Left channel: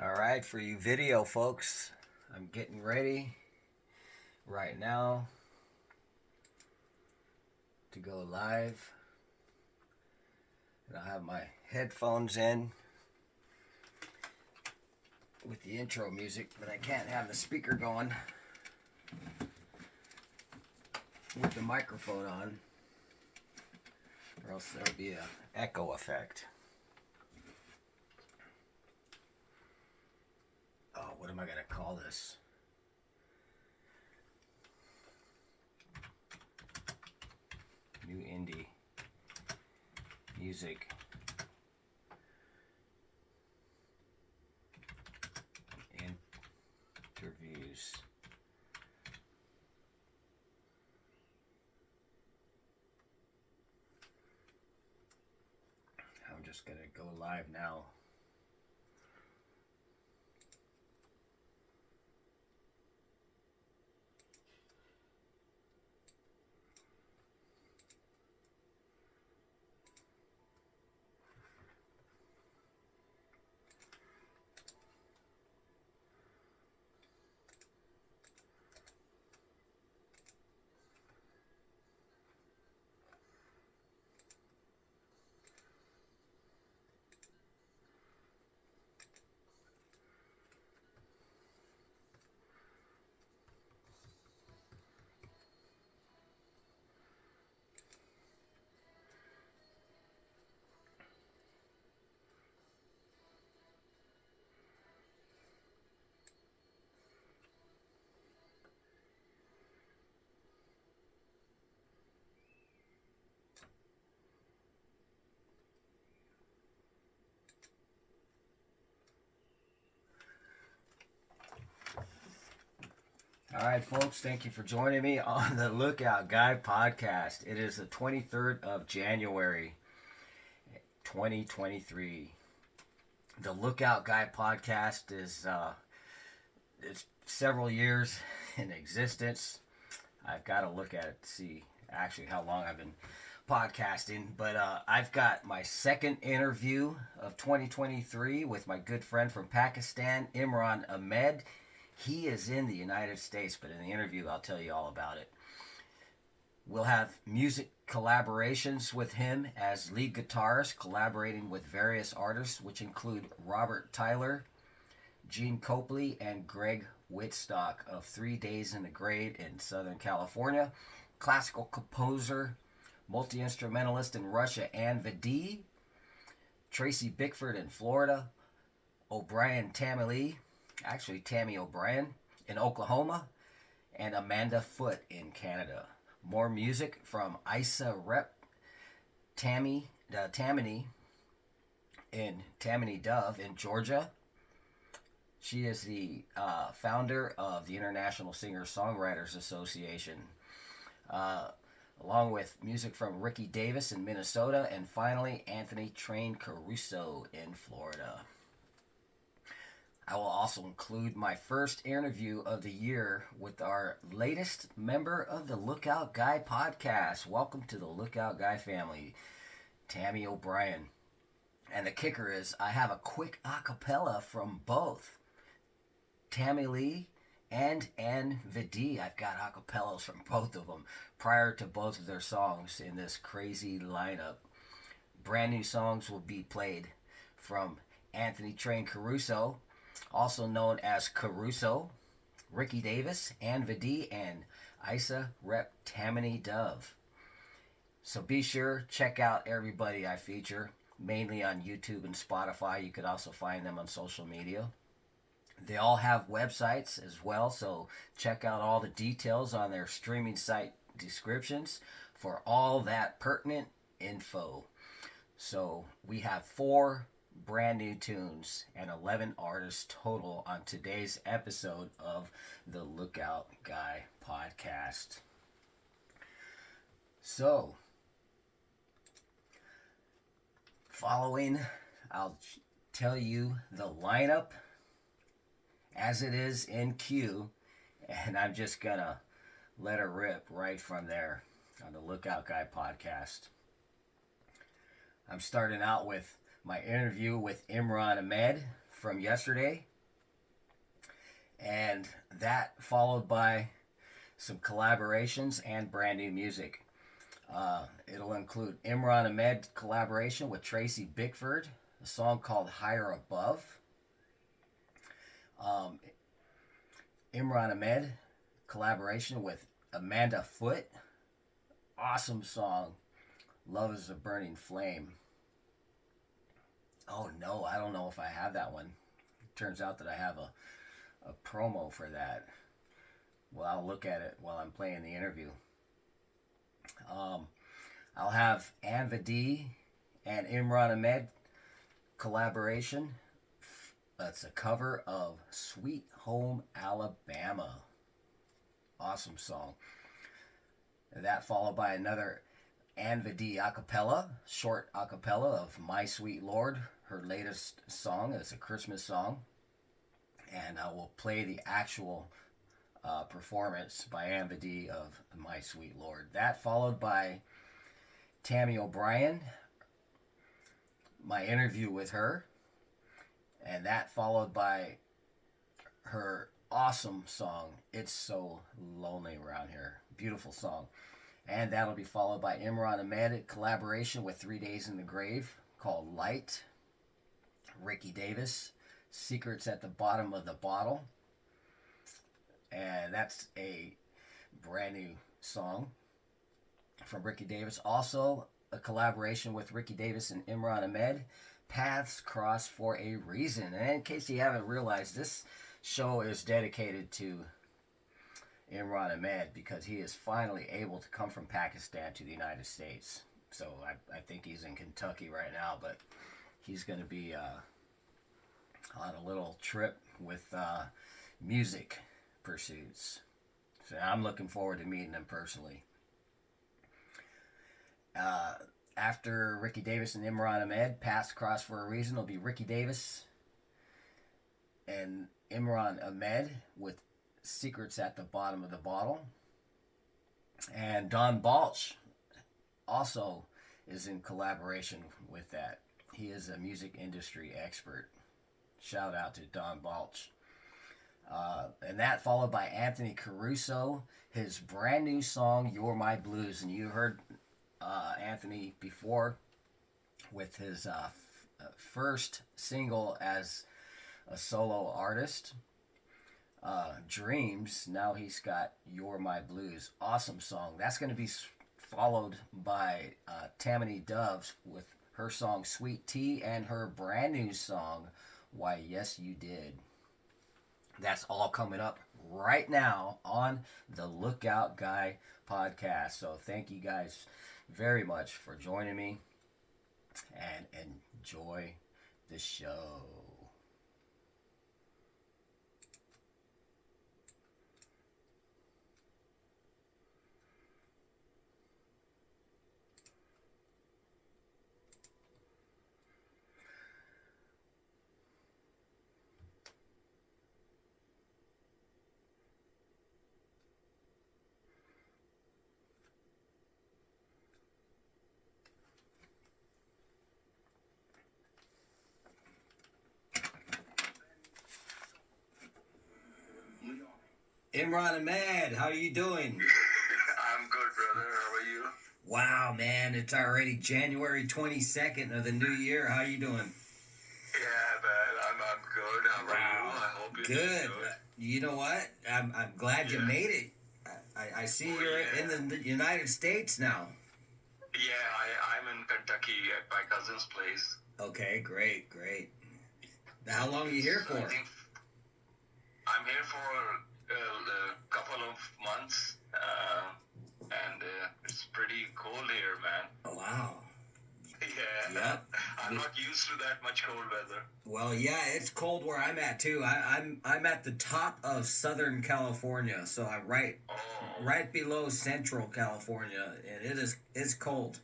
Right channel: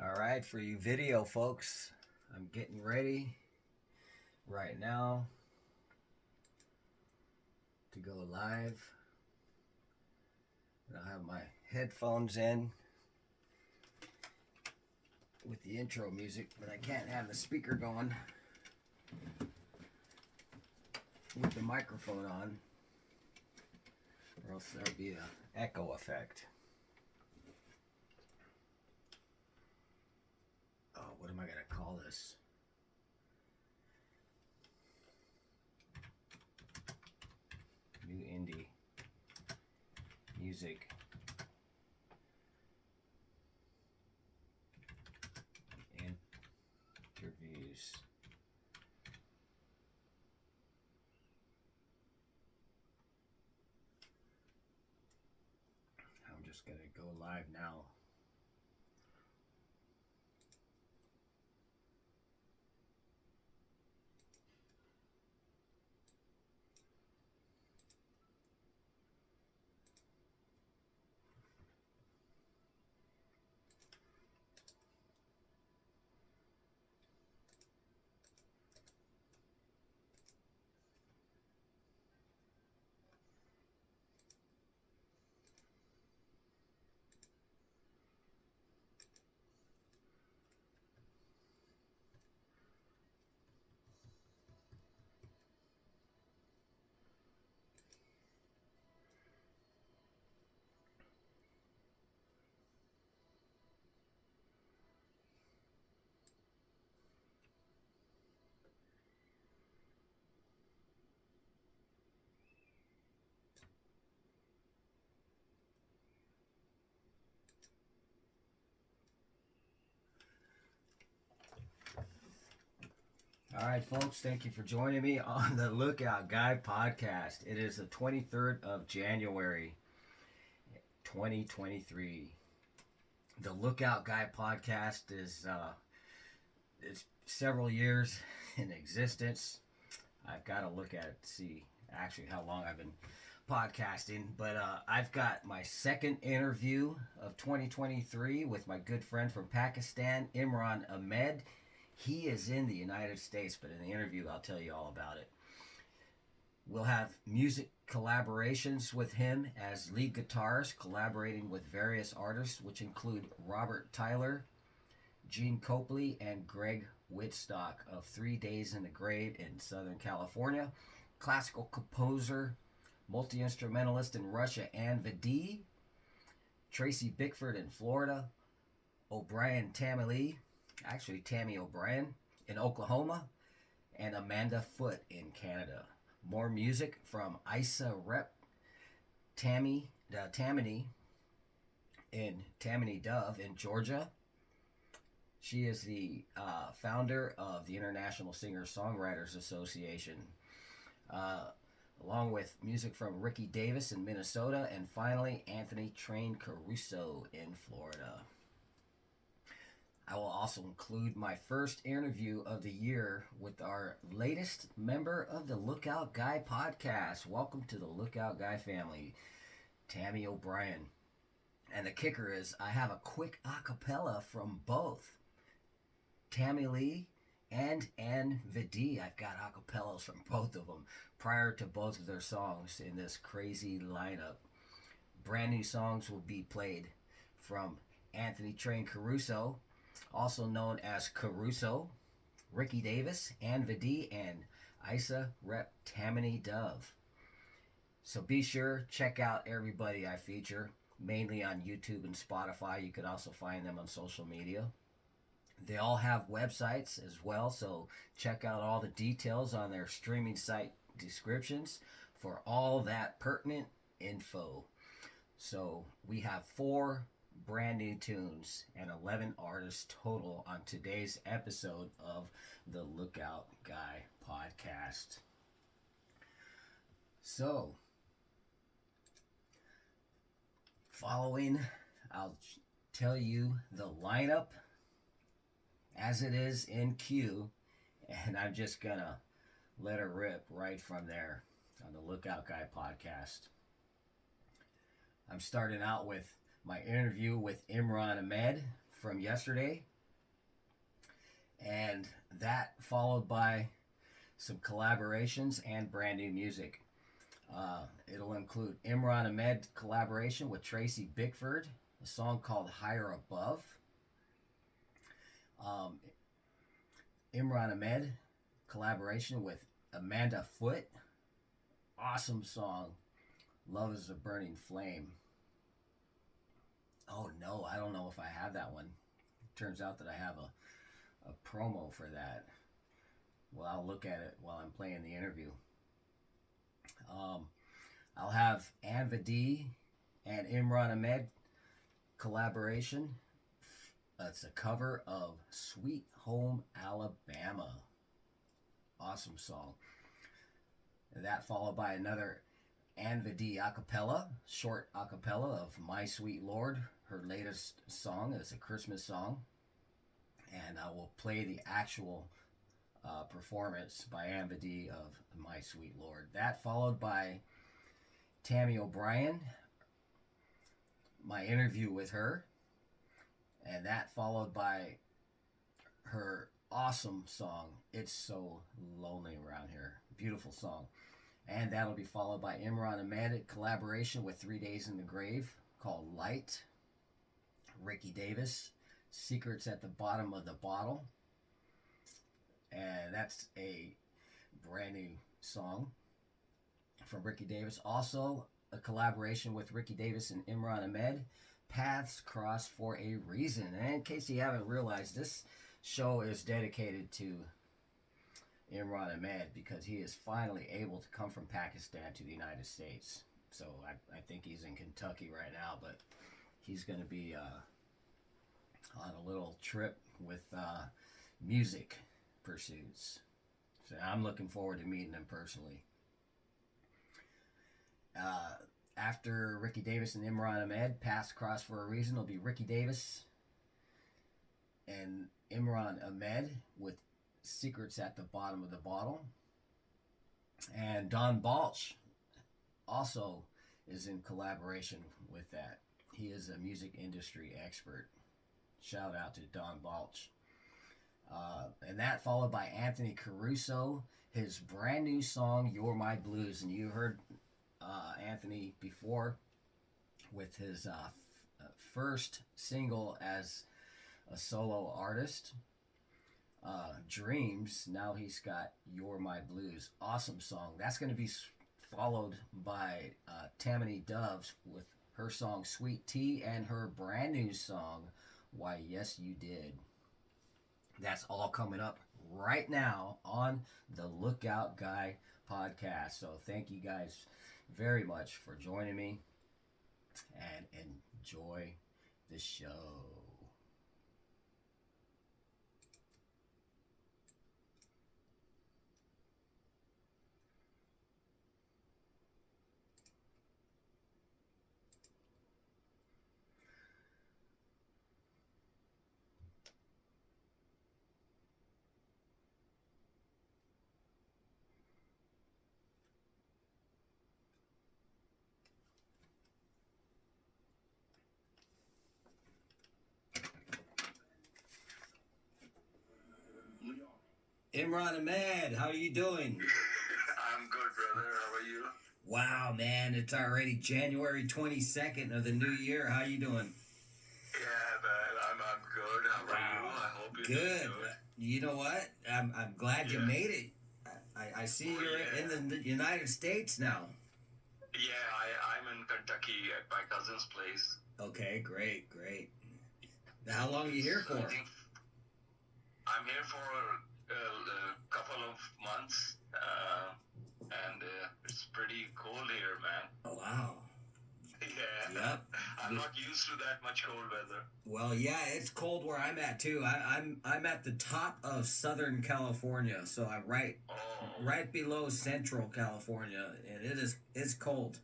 All right, for you video folks, I'm getting ready right now to go live. And I have my headphones in with the intro music, but I can't have the speaker going with the microphone on, or else there'll be an echo effect. Oh, what am I going to call this? New indie music interviews. I'm just going to go live now. All right, folks, thank you for joining me on the Lookout Guy podcast. It is the 23rd of January, 2023. The Lookout Guy podcast is it's several years in existence. I've got to look at it to see actually how long I've been podcasting, but I've got my second interview of 2023 with my good friend from Pakistan, Imran Ahmed. He is in the United States, but in the interview, I'll tell you all about it. We'll have music collaborations with him as lead guitarist, collaborating with various artists, which include Robert Tyler, Gene Copley, and Greg Whitstock of 3 Days in the Grave in Southern California. Classical composer, multi-instrumentalist in Russia, Ann Videe. Tracy Bickford in Florida. O'Brien Tammy O'Brien in Oklahoma, and Amanda Foote in Canada. More music from Isa Rep Tammany in Tammany Dove in Georgia. She is the founder of the International Singer-Songwriters Association, along with music from Ricky Davis in Minnesota, and finally Anthony Train Caruso in Florida. I will also include my first interview of the year with our latest member of the Lookout Guy podcast. Welcome to the Lookout Guy family, Tammy O'Brien. And the kicker is I have a quick acapella from both Tammy Lee and Ann Videe. I've got acapellas from both of them prior to both of their songs in this crazy lineup. Brand new songs will be played from Anthony Train Caruso, also known as Caruso, Ricky Davis, Ann Videe, and Isa Rep Tammany Dove. So be sure, check out everybody I feature, mainly on YouTube and Spotify. You could also find them on social media. They all have websites as well, so check out all the details on their streaming site descriptions for all that pertinent info. So we have 4 brand new tunes and 11 artists total on today's episode of the Lookout Guy podcast. So, following, I'll tell you the lineup as it is in queue, and I'm just gonna let it rip right from there on the Lookout Guy podcast. I'm starting out with my interview with Imran Ahmed from yesterday, and that followed by some collaborations and brand new music. It'll include Imran Ahmed collaboration with Tracy Bickford, a song called Higher Above. Um, Imran Ahmed collaboration with Amanda Foote, awesome song, Love is a Burning Flame. Oh no, I don't know if I have that one. Turns out that I have a promo for that. Well, I'll look at it while I'm playing the interview. I'll have Anva D and Imran Ahmed collaboration. It's a cover of Sweet Home Alabama. Awesome song. And that followed by another Anva D acapella, short acapella of My Sweet Lord. Her latest song is a Christmas song. And I will play the actual performance by Anva D of My Sweet Lord. That followed by Tammy O'Brien, my interview with her. And that followed by her awesome song, It's So Lonely Around Here. Beautiful song. And that'll be followed by Imran Ahmed collaboration with 3 Days in the Grave called Light. Ricky Davis, Secrets at the Bottom of the Bottle. And that's a brand new song from Ricky Davis. Also, a collaboration with Ricky Davis and Imran Ahmed, Paths Cross for a Reason. And in case you haven't realized, this show is dedicated to Imran Ahmed because he is finally able to come from Pakistan to the United States. So I think he's in Kentucky right now, but he's going to be on a little trip with music pursuits. So I'm looking forward to meeting him personally. After Ricky Davis and Imran Ahmed, Paths Cross for a Reason, will be Ricky Davis and Imran Ahmed with Secrets at the Bottom of the Bottle. And Don Balch also is in collaboration with that. He is a music industry expert. Shout out to Don Balch. And that followed by Anthony Caruso, his brand new song, You're My Blues. And you heard Anthony before with his first single as a solo artist, Dreams. Now he's got You're My Blues. Awesome song. That's going to be followed by Tammany Doves with her song Sweet Tea and her brand new song Why Yes You Did. That's all coming up right now on the Lookout Guy podcast. So thank you guys very much for joining me and enjoy the show. Imran Ahmed, how are you doing? I'm good, brother. How are you? Wow, man, it's already January 22nd of the new year. How you doing? Yeah, man. I'm good. How are you? I hope you're Good. doing good. You know what? I'm glad you Yeah. made it. I see Oh, you're yeah. in the United States now. Yeah, I'm in Kentucky at my cousin's place. Okay, great. How long are you here for? I think I'm here for a couple of months, and it's pretty cold here, man. Oh, wow. Yeah. Yep. I'm not used to that much cold weather. Well, yeah, it's cold where I'm at too. I'm at the top of Southern California, so I'm right below Central California, and it's cold.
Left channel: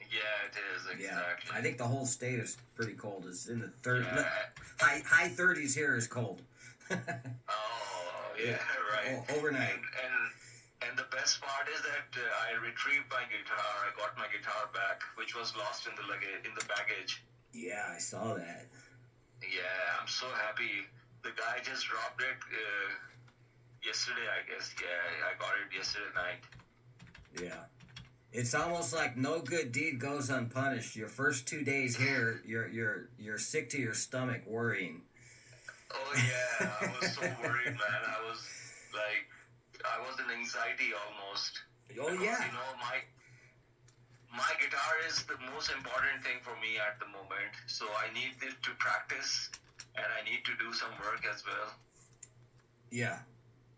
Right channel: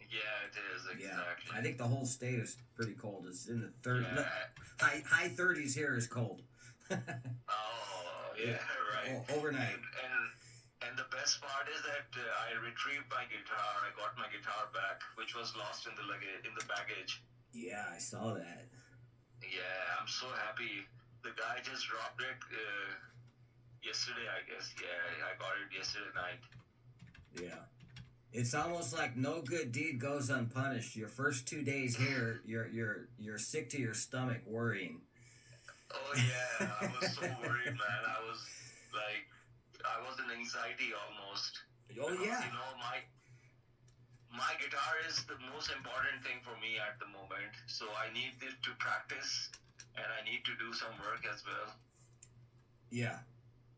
Yeah, it is exactly. Yeah, I think the whole state is pretty cold. It's in the Yeah. high 30s here is cold. Oh, yeah, right. Overnight. And the best part is that I retrieved my guitar. I got my guitar back, which was lost in the baggage. Yeah, I saw that. Yeah, I'm so happy. The guy just dropped it yesterday, I guess. Yeah, I got it yesterday night. Yeah. It's almost like no good deed goes unpunished. Your first 2 days here, you're sick to your stomach worrying. Oh yeah, I was so worried, man. I was in anxiety almost. Oh Because, yeah. my guitar is the most important thing for me at the moment. So I need it to practice, and I need to do some work as well. Yeah.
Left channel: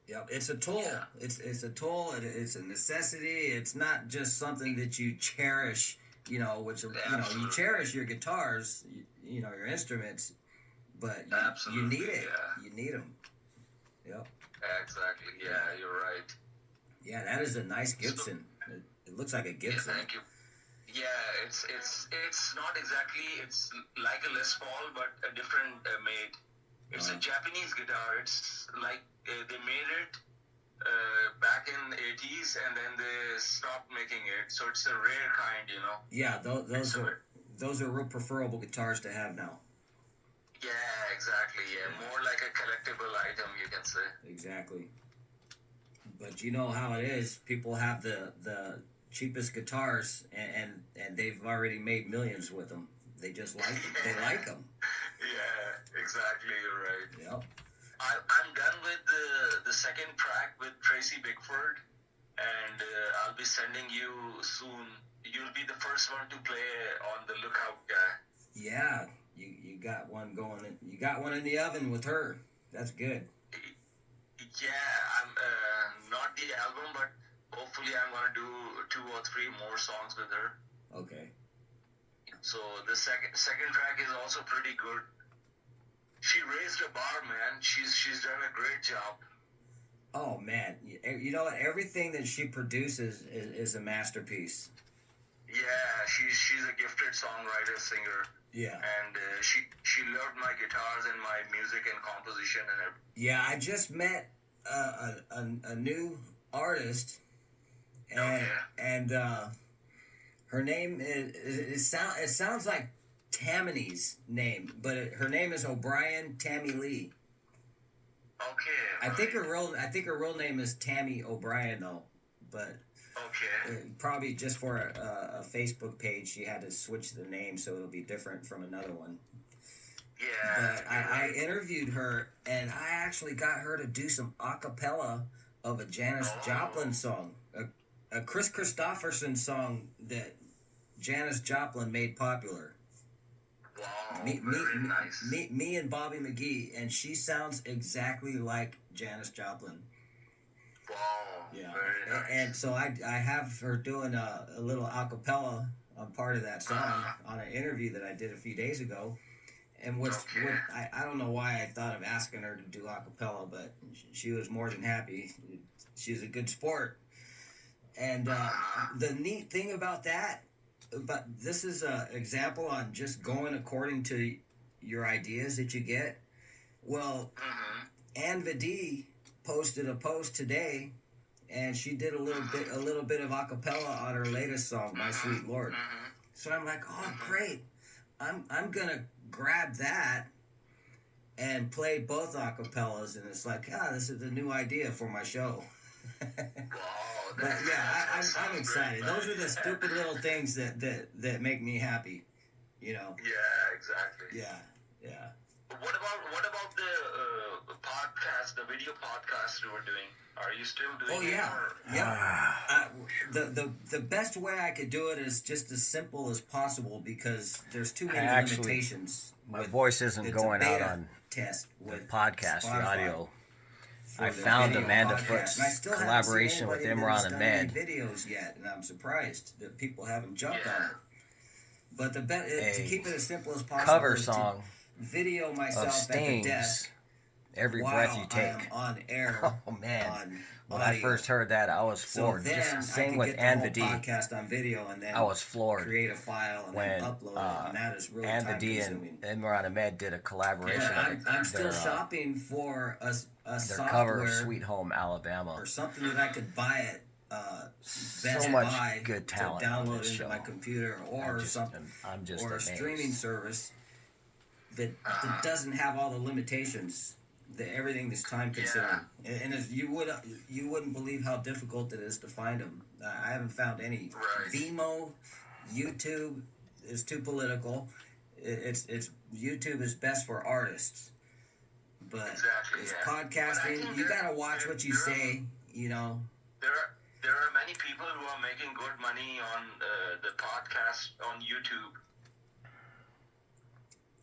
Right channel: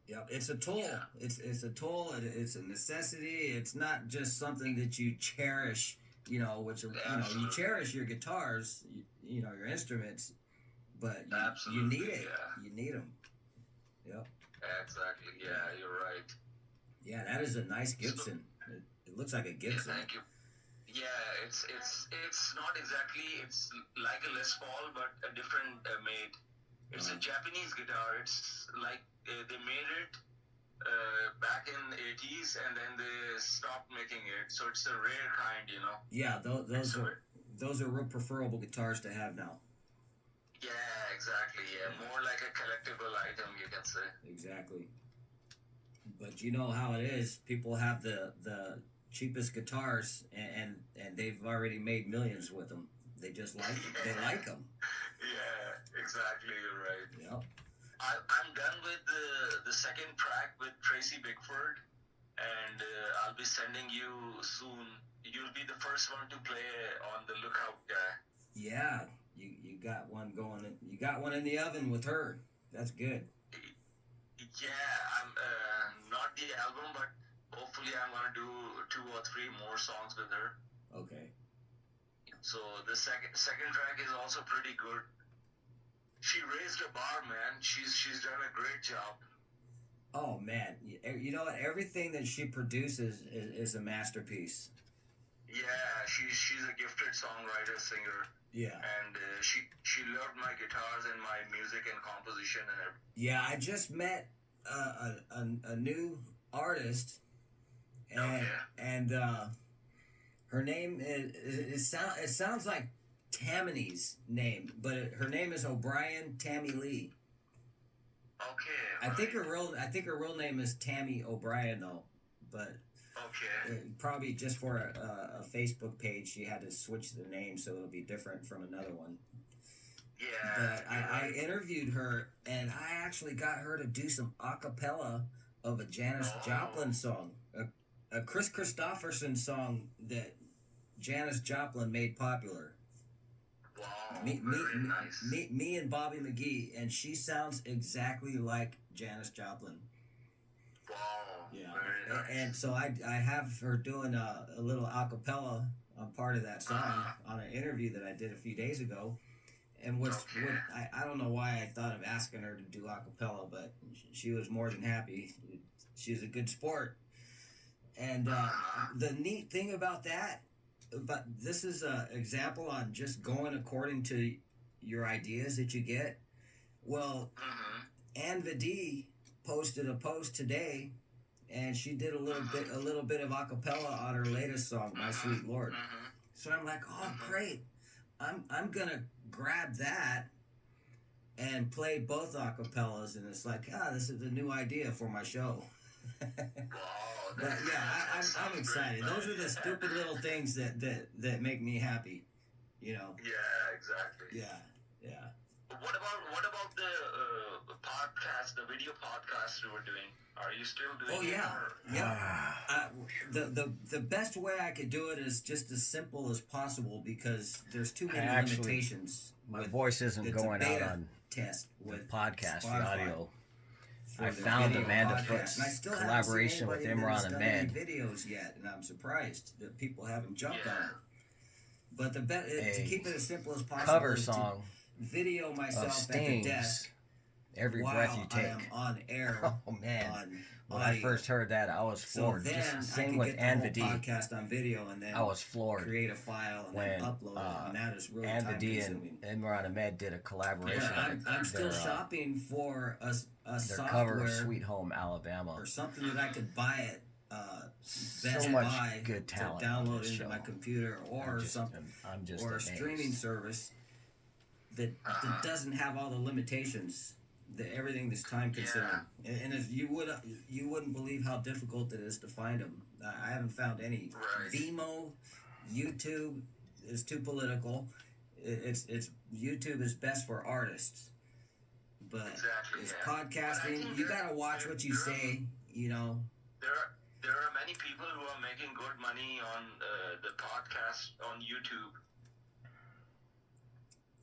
Yeah, it's a tool. Yeah. It's a tool. It's a necessity. It's not just something that you cherish. Which you Absolutely. cherish your guitars. Your instruments, but you Absolutely, need it. yeah. You need them. Yep. Exactly. Yeah, you're right. Yeah, that is a nice Gibson. It looks like a Yeah, Gibson. thank you. Yeah, it's not exactly. It's like a Les Paul, but a different made. It's a Japanese guitar. It's like they made it back in the 80s, and then they stopped making it. So it's a rare kind, Yeah, those are real preferable guitars to have now. Yeah, exactly. Yeah, more like a collectible item, you can say. Exactly. But you know how it is. People have the cheapest guitars, and they've already made millions with them. They just like them. They like them. Yeah, exactly. You're right. Yep. I'm done with the second track with Tracy Bickford, and I'll be sending you soon. You'll be the first one to play on the Lookout Guy. Yeah, you got one going. You got one in the oven with her. That's good. Yeah, I'm not the album, but hopefully I'm gonna do 2 or 3 more songs with her. Okay. So the second track is also pretty good. She raised the bar, man. She's done a great job. Oh man, you know what? Everything that she produces is a masterpiece. Yeah, she's a gifted songwriter, singer. Yeah. And she loved my guitars and my music and composition and everything. Yeah, I just met a new artist, and her name it sounds like Tammany's name, but her name is O'Brien Tammy Lee. Okay. I think her real name is Tammy O'Brien though, but okay. Probably just for a Facebook page she had to switch the name so it'll be different from another one. Yeah. But I interviewed her, and I actually got her to do some a cappella of a Janis Joplin song, a Chris Christopherson song that Janis Joplin made popular. Wow, very nice. Me and Bobby McGee, and she sounds exactly like Janis Joplin. Wow, yeah. Very nice. And so I have her doing a little a cappella on part of that song on an interview that I did a few days ago. And I don't know why I thought of asking her to do a cappella, but she was more than happy. She's a good sport. And the neat thing about that, but this is an example on just going according to your ideas that you get. Well, Ann Videe posted a post today, and she did a little bit of a cappella on her latest song, My Sweet Lord. So I'm like, oh great, I'm gonna grab that and play both acapellas, and it's like, this is a new idea for my show. But yeah, I'm excited. Great, those are the stupid little things that make me happy, Yeah, exactly. Yeah. What about the podcast, the video podcast you were doing? Are you still doing it? Oh yeah. The best way I could do it is just as simple as possible because there's too many limitations. My voice isn't going out on test with podcast, Spotify. the audio. I found Amanda Foot's collaboration with Imran Ahmed. Videos yet, and I'm surprised that people haven't jumped on it. But to keep it as simple as possible, cover song video myself at the desk. Every breath you take. I am on air. Oh man! When audio. I first heard that, I was floored. So then just same I with get Ann the whole Videe. podcast on video, and then I was floored create a file and then upload it, and that is really Ann time Videe consuming. and Imran Ahmed did a collaboration. I'm still shopping for a their software cover of Sweet Home Alabama or something that I could buy at Best so much Buy good talent to on download this into show. my computer or something, I'm just or amazed. a streaming service. that doesn't have all the limitations, everything that's time consuming, and as you wouldn't believe how difficult it is to find them. I haven't found any. Right. Vimeo, YouTube is too political. It's YouTube is best for artists, but Exactly, it's yeah. But I podcasting. think You gotta watch what you say. You know. There are many people who are making good money on the podcast on YouTube.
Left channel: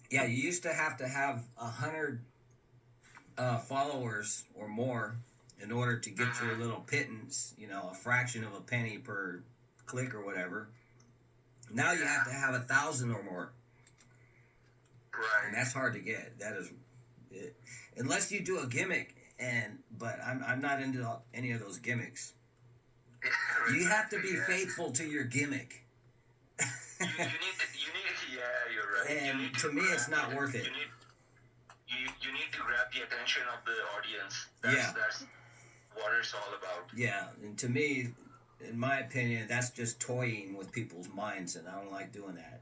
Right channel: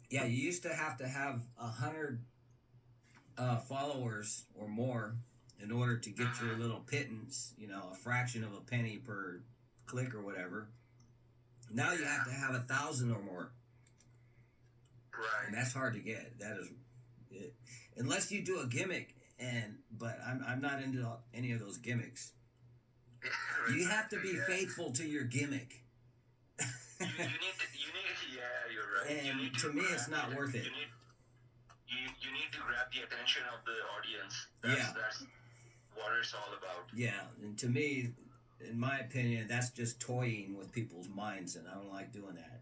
Yeah, you used to have 100 followers or more in order to get your little pittance, you know, a fraction of a penny per click or whatever. Now you have to have 1,000 or more, Right. and that's hard to get. That is, unless you do a gimmick, but I'm not into any of those gimmicks. You have to be faithful to your gimmick. You need, yeah, you're right. You And need to me, it's grab not the- worth it. You need to grab the attention of the audience. Yeah. That's what it's all about. Yeah, and to me, in my opinion, that's just toying with people's minds, and I don't like doing that.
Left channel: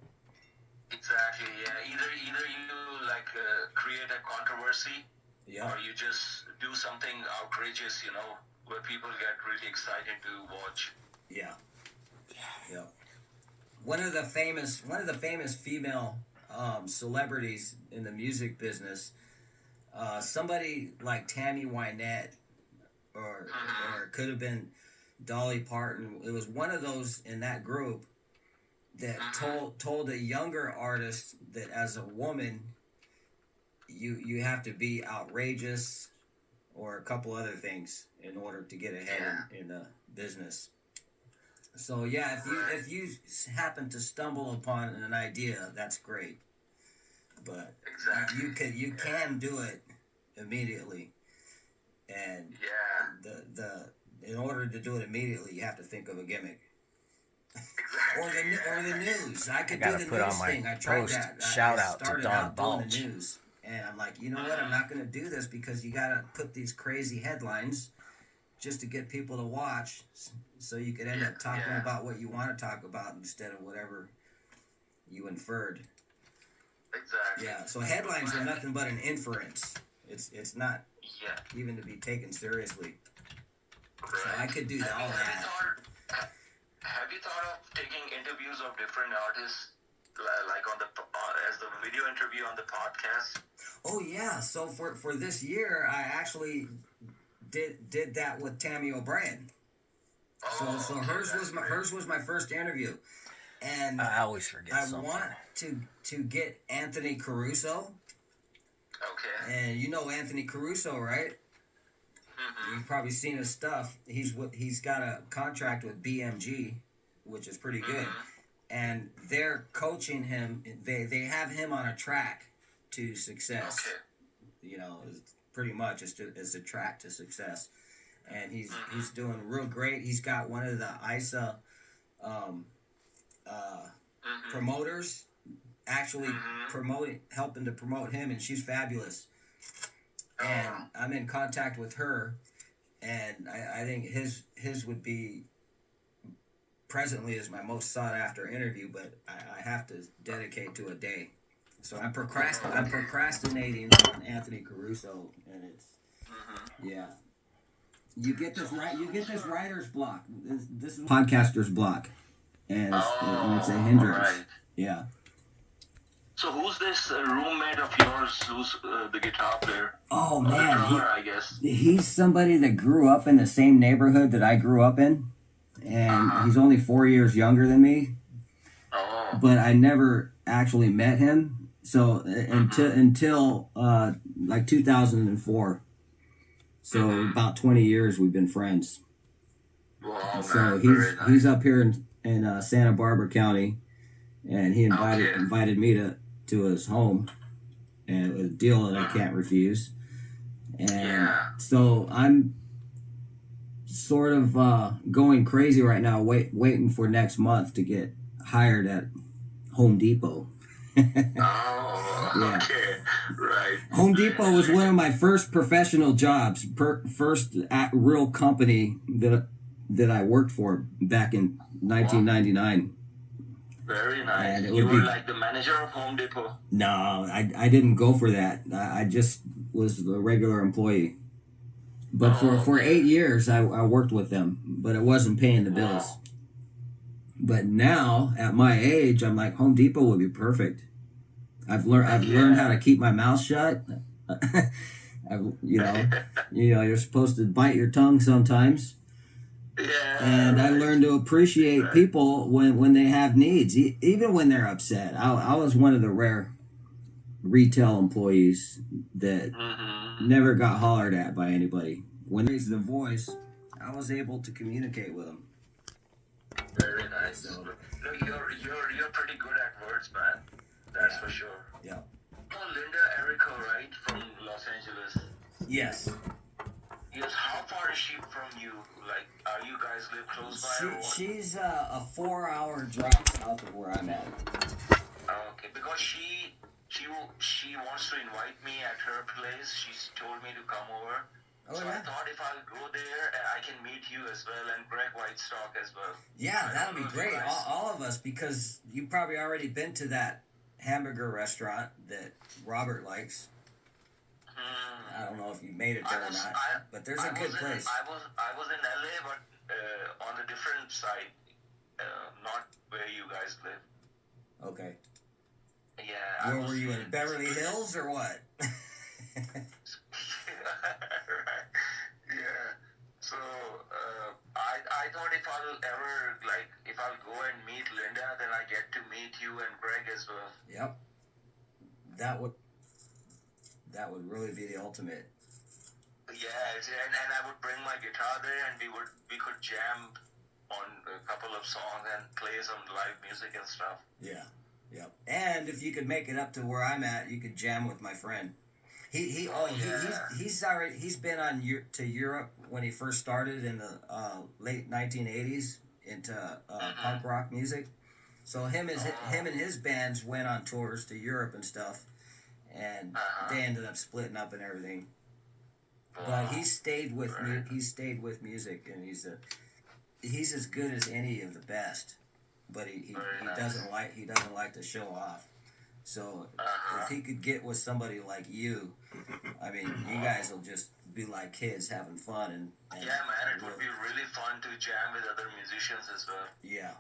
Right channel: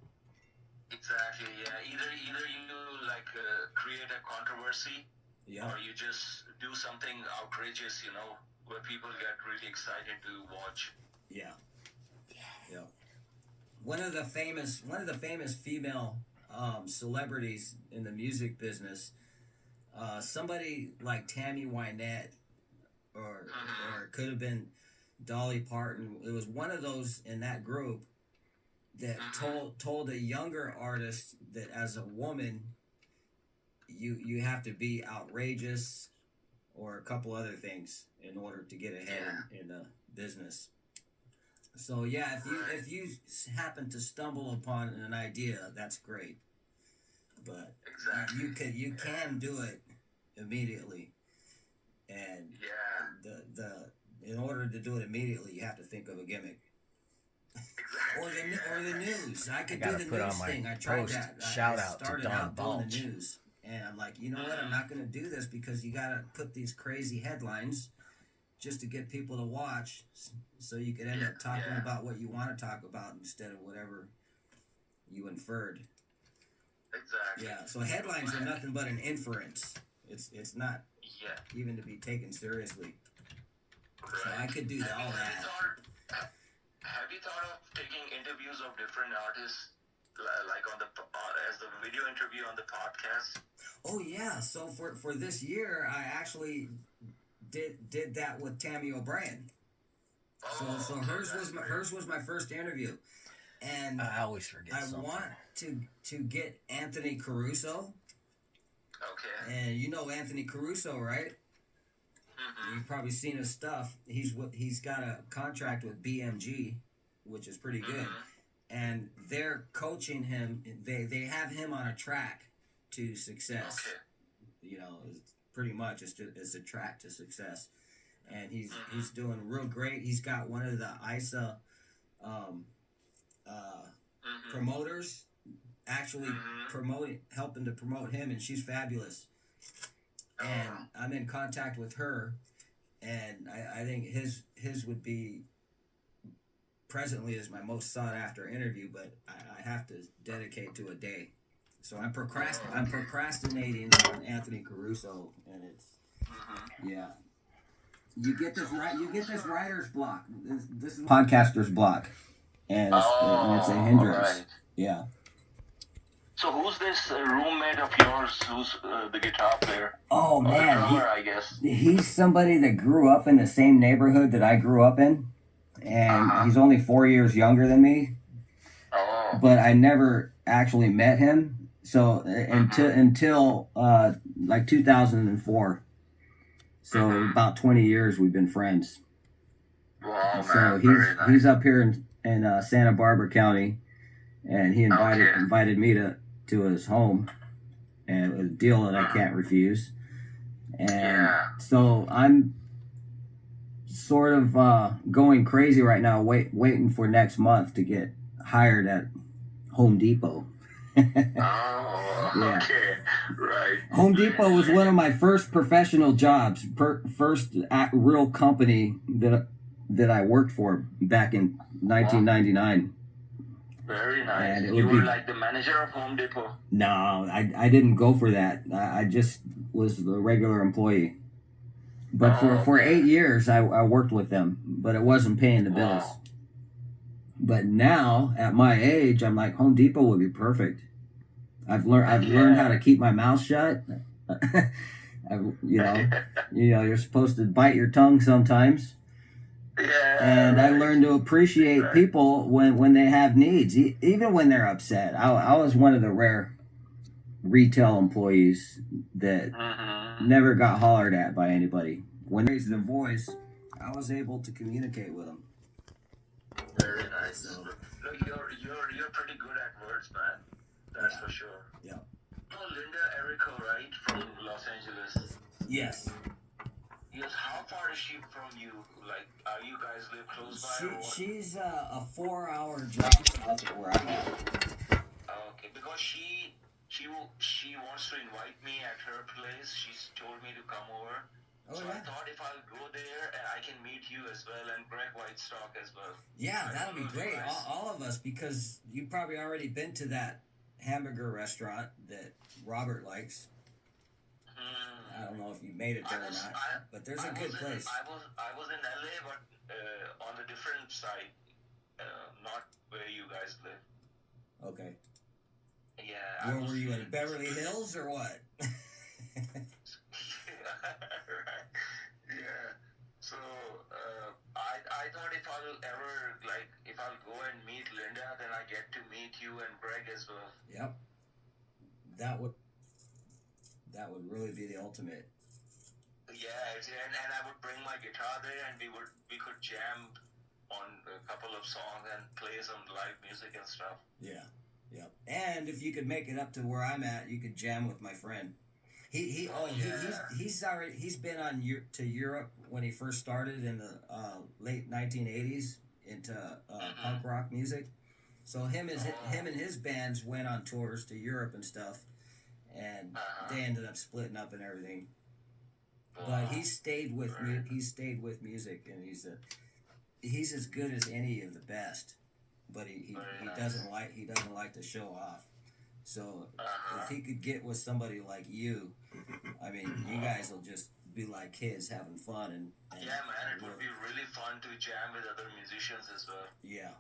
Exactly. Yeah. Either you like create a controversy, Yeah. or you just do something outrageous, you know, where people get really excited to watch. Yeah. Yeah. One of the famous female celebrities in the music business, somebody like Tammy Wynette, or it could have been Dolly Parton. It was one of those in that group that told a younger artist that as a woman, you have to be outrageous or a couple other things in order to get ahead in the business. So yeah, if you happen to stumble upon an idea, that's great. But Exactly. you can do it immediately, and Yeah. the in order to do it immediately, you have to think of a gimmick. Exactly. Or the news. I could I do gotta the put on news my thing. I tried post that. shout I out to started Don out doing Balch. the news, and I'm like, you know what? I'm not going to do this because you got to put these crazy headlines just to get people to watch, so you could end up talking about what you want to talk about instead of whatever you inferred. Exactly. Yeah. So headlines are nothing but an inference. It's not Yeah. even to be taken seriously. So Right. I could do all that. Have you thought of taking interviews of different artists, like on the as the video interview on the podcast? Oh yeah, so for this year, I actually did that with Tammy O'Brien. So Okay, hers was my first interview, and I always forget I something. want to get Anthony Caruso, Okay. and you know Anthony Caruso, right? You've probably seen his stuff. He's got a contract with BMG, which is pretty good, and they're coaching him. They have him on a track to success. Okay. You know, it's pretty much it's a track to success, and he's doing real great. He's got one of the ISA promoters actually helping to promote him, and she's fabulous. And I'm in contact with her, and I think his would be presently is my most sought after interview, but I have to dedicate to a day. So I'm procrastinating on Anthony Caruso, and it's yeah. You get this writer's block. This is podcaster's block, and it's a hindrance. Right. Yeah. So who's this roommate of yours? Who's the guitar player? Oh Or man, drummer, I guess. he's somebody that grew up in the same neighborhood that I grew up in, and he's only 4 years younger than me. Oh. But I never actually met him. So until like 2004. So about 20 years we've been friends. Wow, So man. Very nice. he's up here in Santa Barbara County, and he invited me to his home, and a deal that I can't refuse. And so I'm sort of going crazy right now, waiting for next month to get hired at Home Depot. Oh, okay, right. Home Depot was one of my first professional jobs, first real company that I worked for back in 1999. Very nice. And it You would were be like the manager of Home Depot. no, I didn't go for that. I just was a regular employee. But for Okay. 8 years, I worked with them, but it wasn't paying the bills. Wow. But now, at my age, I'm like, Home Depot would be perfect. I've learned how to keep my mouth shut. You're supposed to bite your tongue sometimes. Yeah. And I Right. learned to appreciate Right. people when they have needs, even when they're upset. I was one of the rare retail employees that Mm-hmm. never got hollered at by anybody. When they raised their voice, I was able to communicate with them. Very nice. So, Look, you're pretty good at words, man. That's for sure. yeah. Oh, Linda Erico, right, from Los Angeles. Yes. Yes. How far is she from you? Like, are you guys live close by? Or what? She's a 4-hour drive south of where I'm at. Okay, because she wants to invite me at her place. She's told me to come over. Oh, So yeah? I thought if I'll go there, I can meet you as well and Greg Whitestock as well. Yeah, that'll be Those great. guys. All of us, because you've probably already been to that hamburger restaurant that Robert likes. Hmm. I don't know if you made it there or not, but there's a good place. I was in LA, but on a different side, not where you guys live. Okay. Yeah. Where were you, in Beverly Hills or what? Right. Yeah. So I thought if I'll go and meet Linda, then I get to meet you and Greg as well. Yep. That would really be the ultimate. Yeah, and I would bring my guitar there, and we could jam on a couple of songs and play some live music and stuff. Yeah. Yep. And if you could make it up to where I'm at, you could jam with my friend. He's been to Europe when he first started in the late 1980s into punk rock music. So him and his bands went on tours to Europe and stuff, and they ended up splitting up and everything. But he stayed with me. He stayed with music, and he's as good as any of the best. But he doesn't like to show off. So if he could get with somebody like you, I mean, you guys will just be like kids having fun and yeah, man, it would be really fun to jam with other musicians as well. Yeah,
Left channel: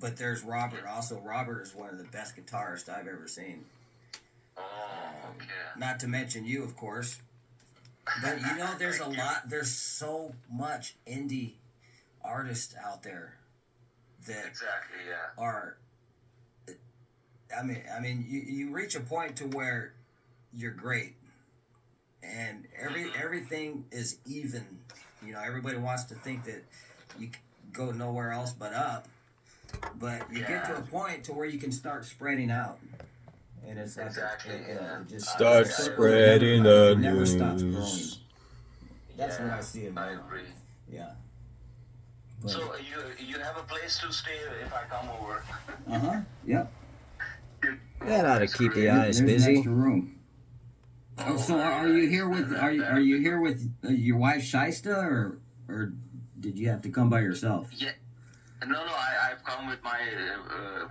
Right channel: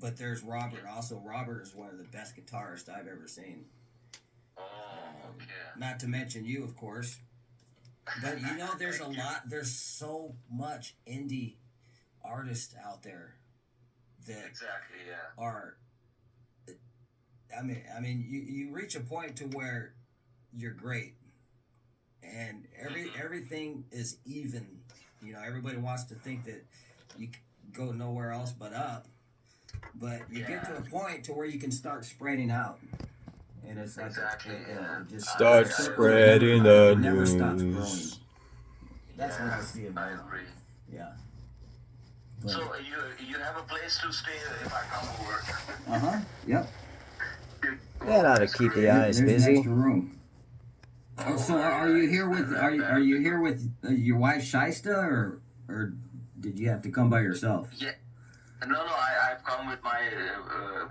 but there's Robert. Also, Robert is one of the best guitarists I've ever seen. Oh, okay. Not to mention you, of course. But there's so much indie artists out there that exactly, yeah. are. I mean, you reach a point to where you're great, and everything is even. You know, everybody wants to think that you go nowhere else but up, but you get to a point to where you can start spreading out, and it's like it just Start spreading the it never stops growing. news. That's what I see in my I life. agree. Yeah. But, So you have a place to stay if I come over. Yep. That ought to keep the eyes There's an busy. extra room. Oh, so are you here with your wife Shaista, or did you have to come by yourself? Yeah. No, I've come with my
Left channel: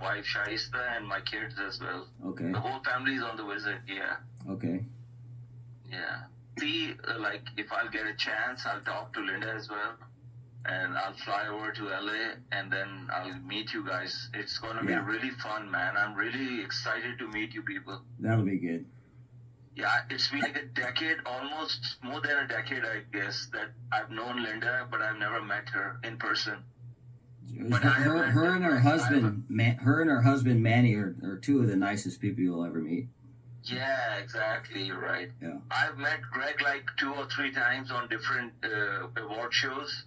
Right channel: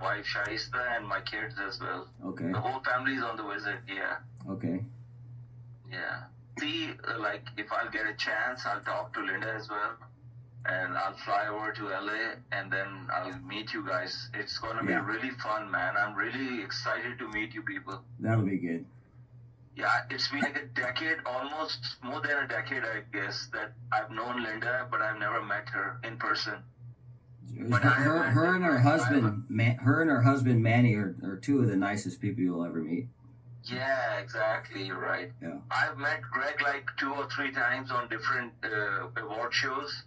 wife Shaista and my kids as well. Okay. The whole family's on the visit. Yeah. Okay. Yeah. See, like if I'll get a chance, I'll talk to Linda as well, and I'll fly over to LA, and then I'll meet you guys. It's gonna be really fun, man. I'm really excited to meet you people. That'll be good. Yeah, it's been like a decade, almost more than a decade, I guess, that I've known Linda, but I've never met her in person. But Her and her husband Manny are two of the nicest people you'll ever meet. Yeah, exactly. You're right. Yeah. I've met Greg like 2 or 3 times on different award shows,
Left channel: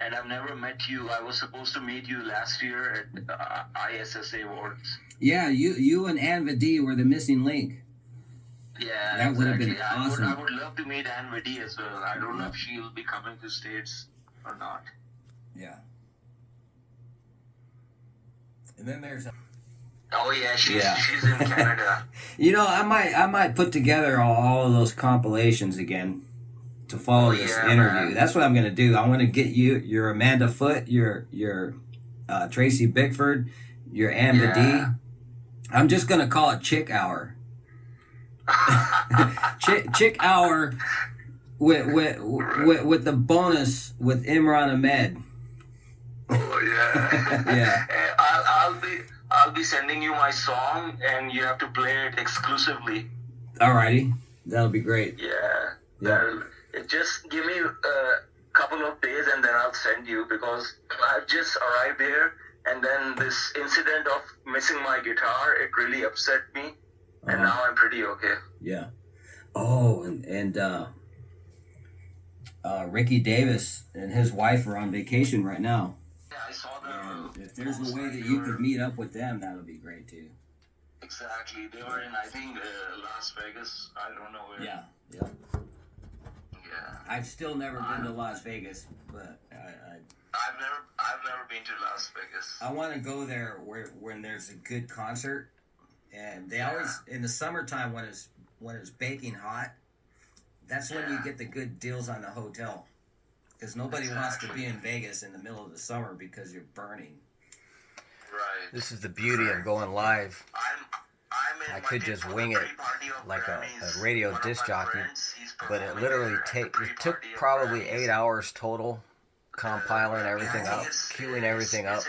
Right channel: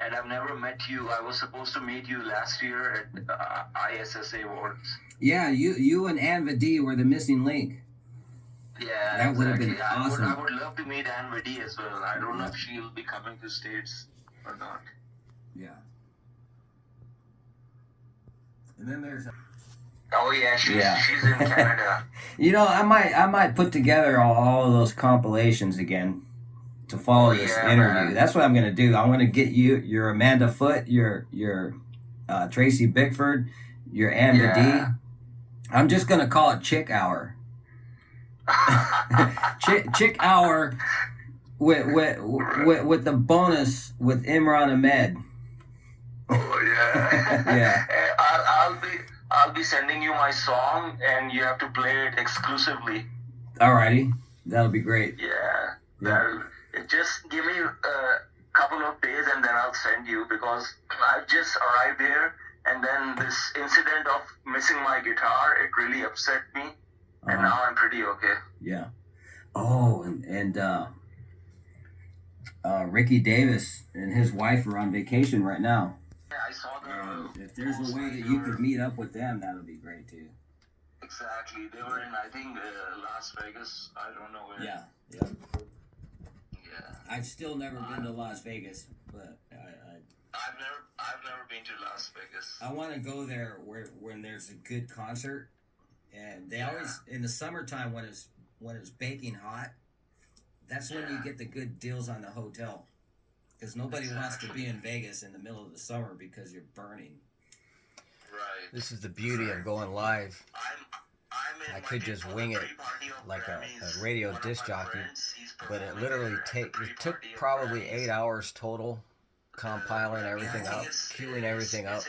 and I've never met you. I was supposed to meet you last year at ISSA Awards. Yeah, you and Ann Vadi were the missing link. Yeah, that would have been exactly. awesome. I would love to meet Ann Vadi as well. I don't know if she'll be coming to States or not. Yeah. And then there's. Oh yeah, she's in Canada. You know, I might put together all of those compilations again to follow this interview. Man. That's what I'm gonna do. I'm gonna get your Amanda Foote, your Tracy Bickford, Your Amba D. I'm just gonna call it Chick Hour. Chick Hour with the bonus with Imran Ahmed. Oh yeah. Yeah. I'll be sending you my song, and you have to play it exclusively. Alrighty, that'll be great. Yeah. Just give me a couple of days, and then I'll send you, because I just arrived here, and then this incident of missing my guitar, it really upset me, and now I'm pretty okay. Yeah. Oh, and Ricky Davis and his wife are on vacation right now. Yeah, I saw the. And if there's a way that you could meet up with them, that would be great too. Exactly. They were in, I think, Las Vegas. I don't know where. Yeah. I've still never been to Las Vegas, but I've never been to Las Vegas. I want to go there when there's a good concert, and they always in the summertime when it's baking hot. That's when you get the good deals on the hotel, because nobody wants to be in Vegas in the middle of the summer because you're burning. Right. This is the beauty of going live. I'm I could just wing it like a radio disc jockey, but it literally it took probably 8 hours total, compiling everything up, queuing everything up.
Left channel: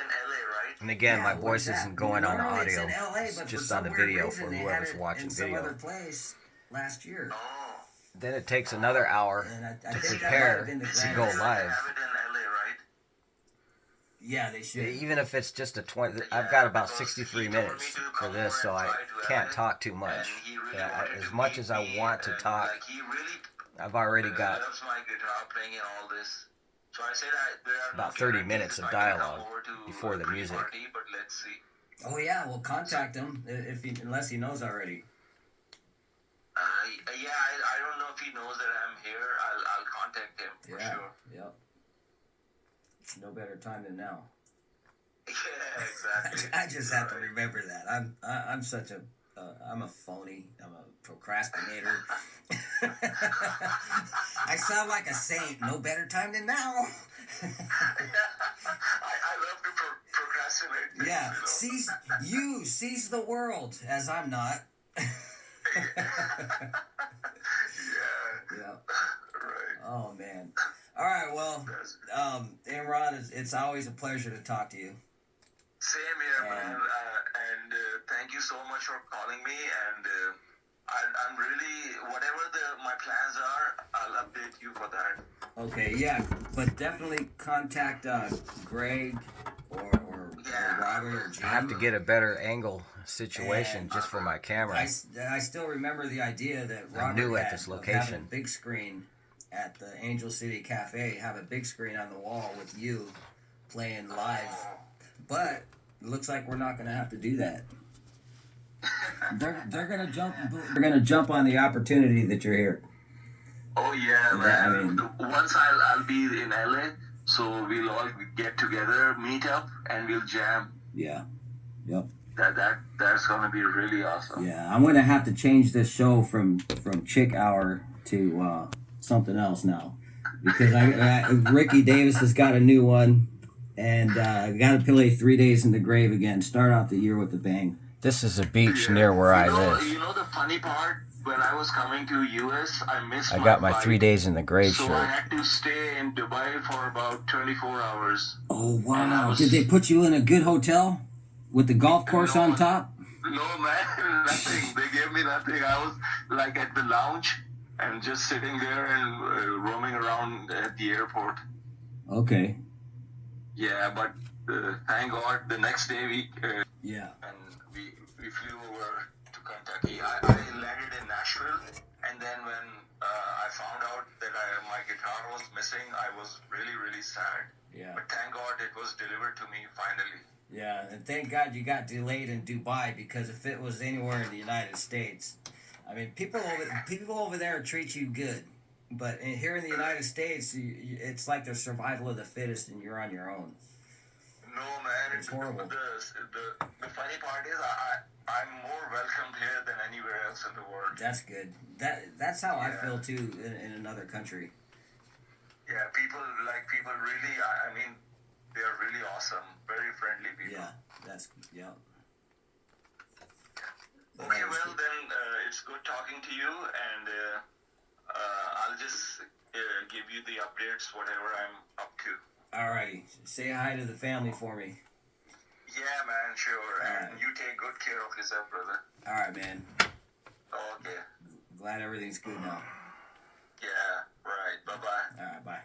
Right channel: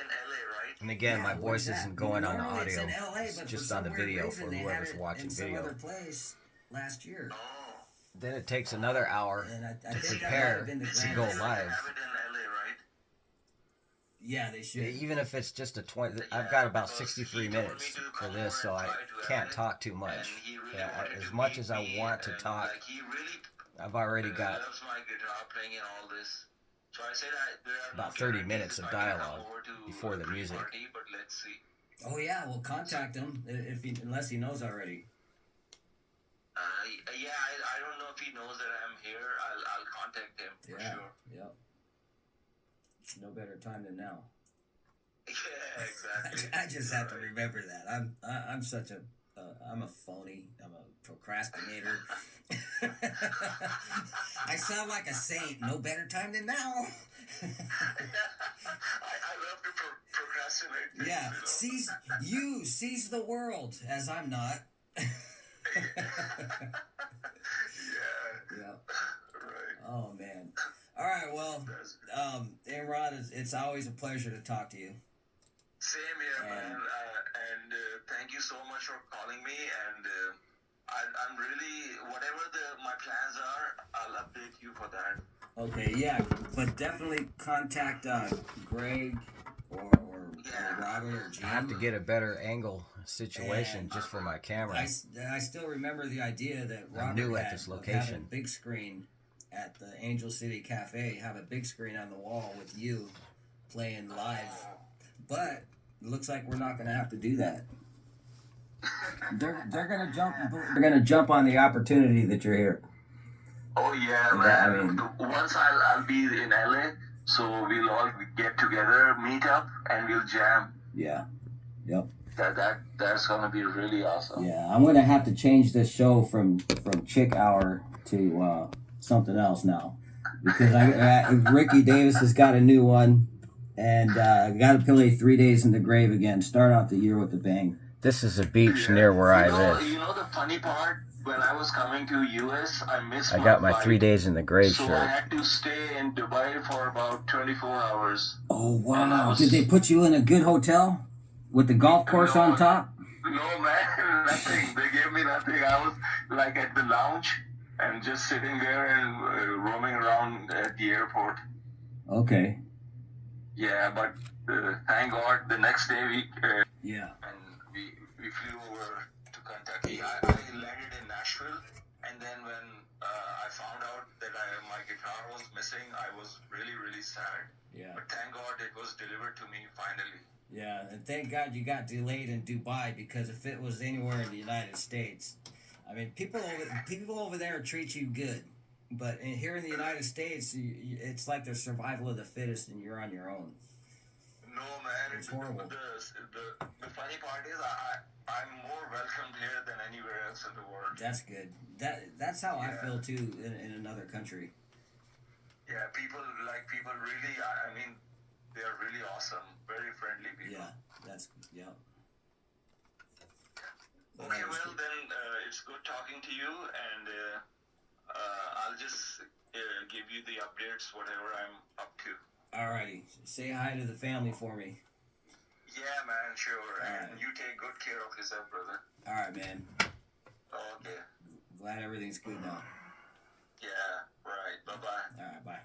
And again, my voice isn't going on the audio, it's just on the video for whoever's watching video. Last year. Then it takes another hour to prepare to go live. Yeah, they should. Even if it's just a 20, I've got about 63 minutes for this, so I can't talk too much. As much as I want to talk, I've already got about 30 minutes of dialogue before the music. Oh yeah, well contact him unless he knows already. I don't know if he knows that I'm here. I'll contact him for sure. Yeah. No better time than now. Yeah, exactly. I just have to remember that. I'm such a I'm a phony. I'm a procrastinator. I sound like a saint. No better time than now. I love to procrastinate. Yeah, seize the world, as I'm not. Yeah. Right. Oh man. All right. Well, Imran, it's always a pleasure to talk to you. Same here, man. And thank you so much for calling me. And I'm really, whatever my plans are, I'll update you for that. Okay. Yeah, but definitely contact Greg or Robert or Jim. I have to get a better angle situation just for my camera. I still remember the idea that Robert I'm new at had this of location. having a big screen at the Angel City Cafe, have a big screen on the wall with you playing live. But it looks like we're not going to have to do that. They're going to jump. They're going to jump on the opportunity that you're here. Oh yeah, man. Once I'll be in LA, so we'll all get together, meet up, and we'll jam. Yeah. Yep. That's gonna be really awesome. Yeah, I'm gonna have to change this show from Chick Hour to something else now, because Ricky Davis has got a new one, and I got to play 3 Days in the Grave again. Start out the year with a bang. This is a beach near where I live. You know the funny part? When I was coming to US, I got my 3 Days in the Grave so shirt. I had to stay in Dubai for about 24 hours. Oh wow! Did they put you in a good hotel with the golf course on top? No man, nothing. They gave me nothing. I was like at the lounge and just sitting there and roaming around at the airport. Okay. Yeah, but thank God the next day we and we flew over to Kentucky. I landed in Nashville, and then when I found out that my guitar was missing, I was really, really sad. Yeah. But thank God it was delivered to me finally. Yeah, and thank God you got delayed in Dubai, because if it was anywhere in the United States, I mean, people over there treat you good, but here in the United States, it's like the survival of the fittest, and you're on your own. No man, it's horrible. The funny part is I'm more welcomed here than anywhere else in the world. That's good. That's how I feel too in another country. Yeah, people really. I mean, they're really awesome. very friendly people. Yeah, that's yeah. Okay, That is well good. then, it's good talking to you, and I'll just give you the updates, whatever I'm up to. Alrighty, say hi to the family for me. Yeah, man, sure. And Alright. you take good care of yourself, brother. All right, man. Okay. Glad everything's good now. Yeah, right. Bye-bye. All right, bye.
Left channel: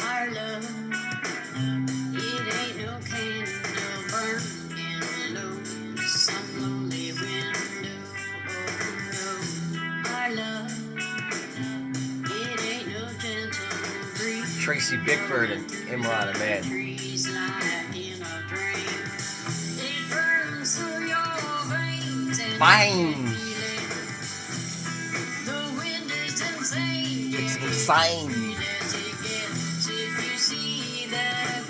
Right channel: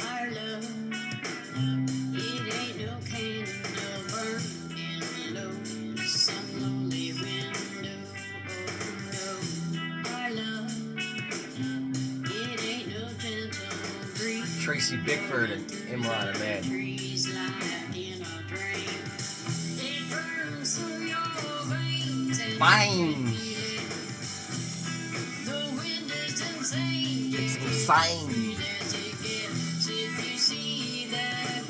Our love, it ain't no candle burning low, some lonely window. Oh no, our love, it ain't no gentle breeze. Tracy Bickford and Imran Ahmed. Trees lie in a dream. It burns through your veins and Fine. the wind is insane. It's insane. If you see the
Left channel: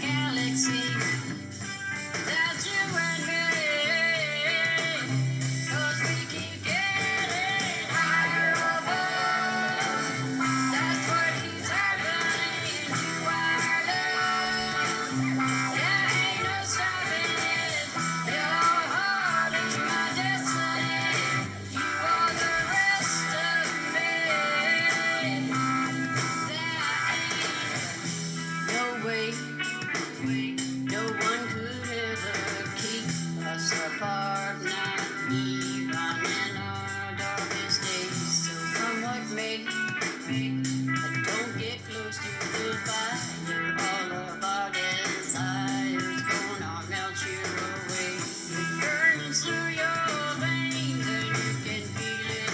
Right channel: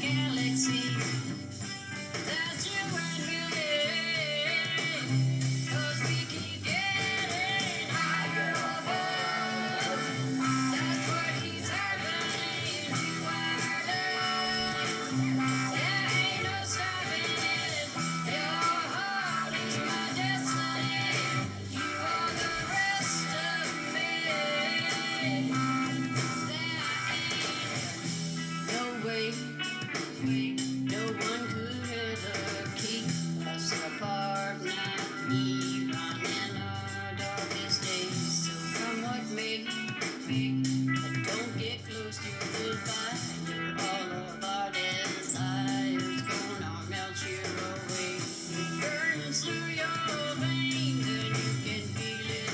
galaxy, that's you and me. 'Cause we keep getting higher above. That's what keeps happening to our love. There ain't no stopping it. Your heart is my destiny. You are the rest of me. No way, no one could ever keep us apart, not even in our darkest days. So come what may, don't get close to goodbye. All of our desires gonna melt you away. It burns through your veins and you can feel it.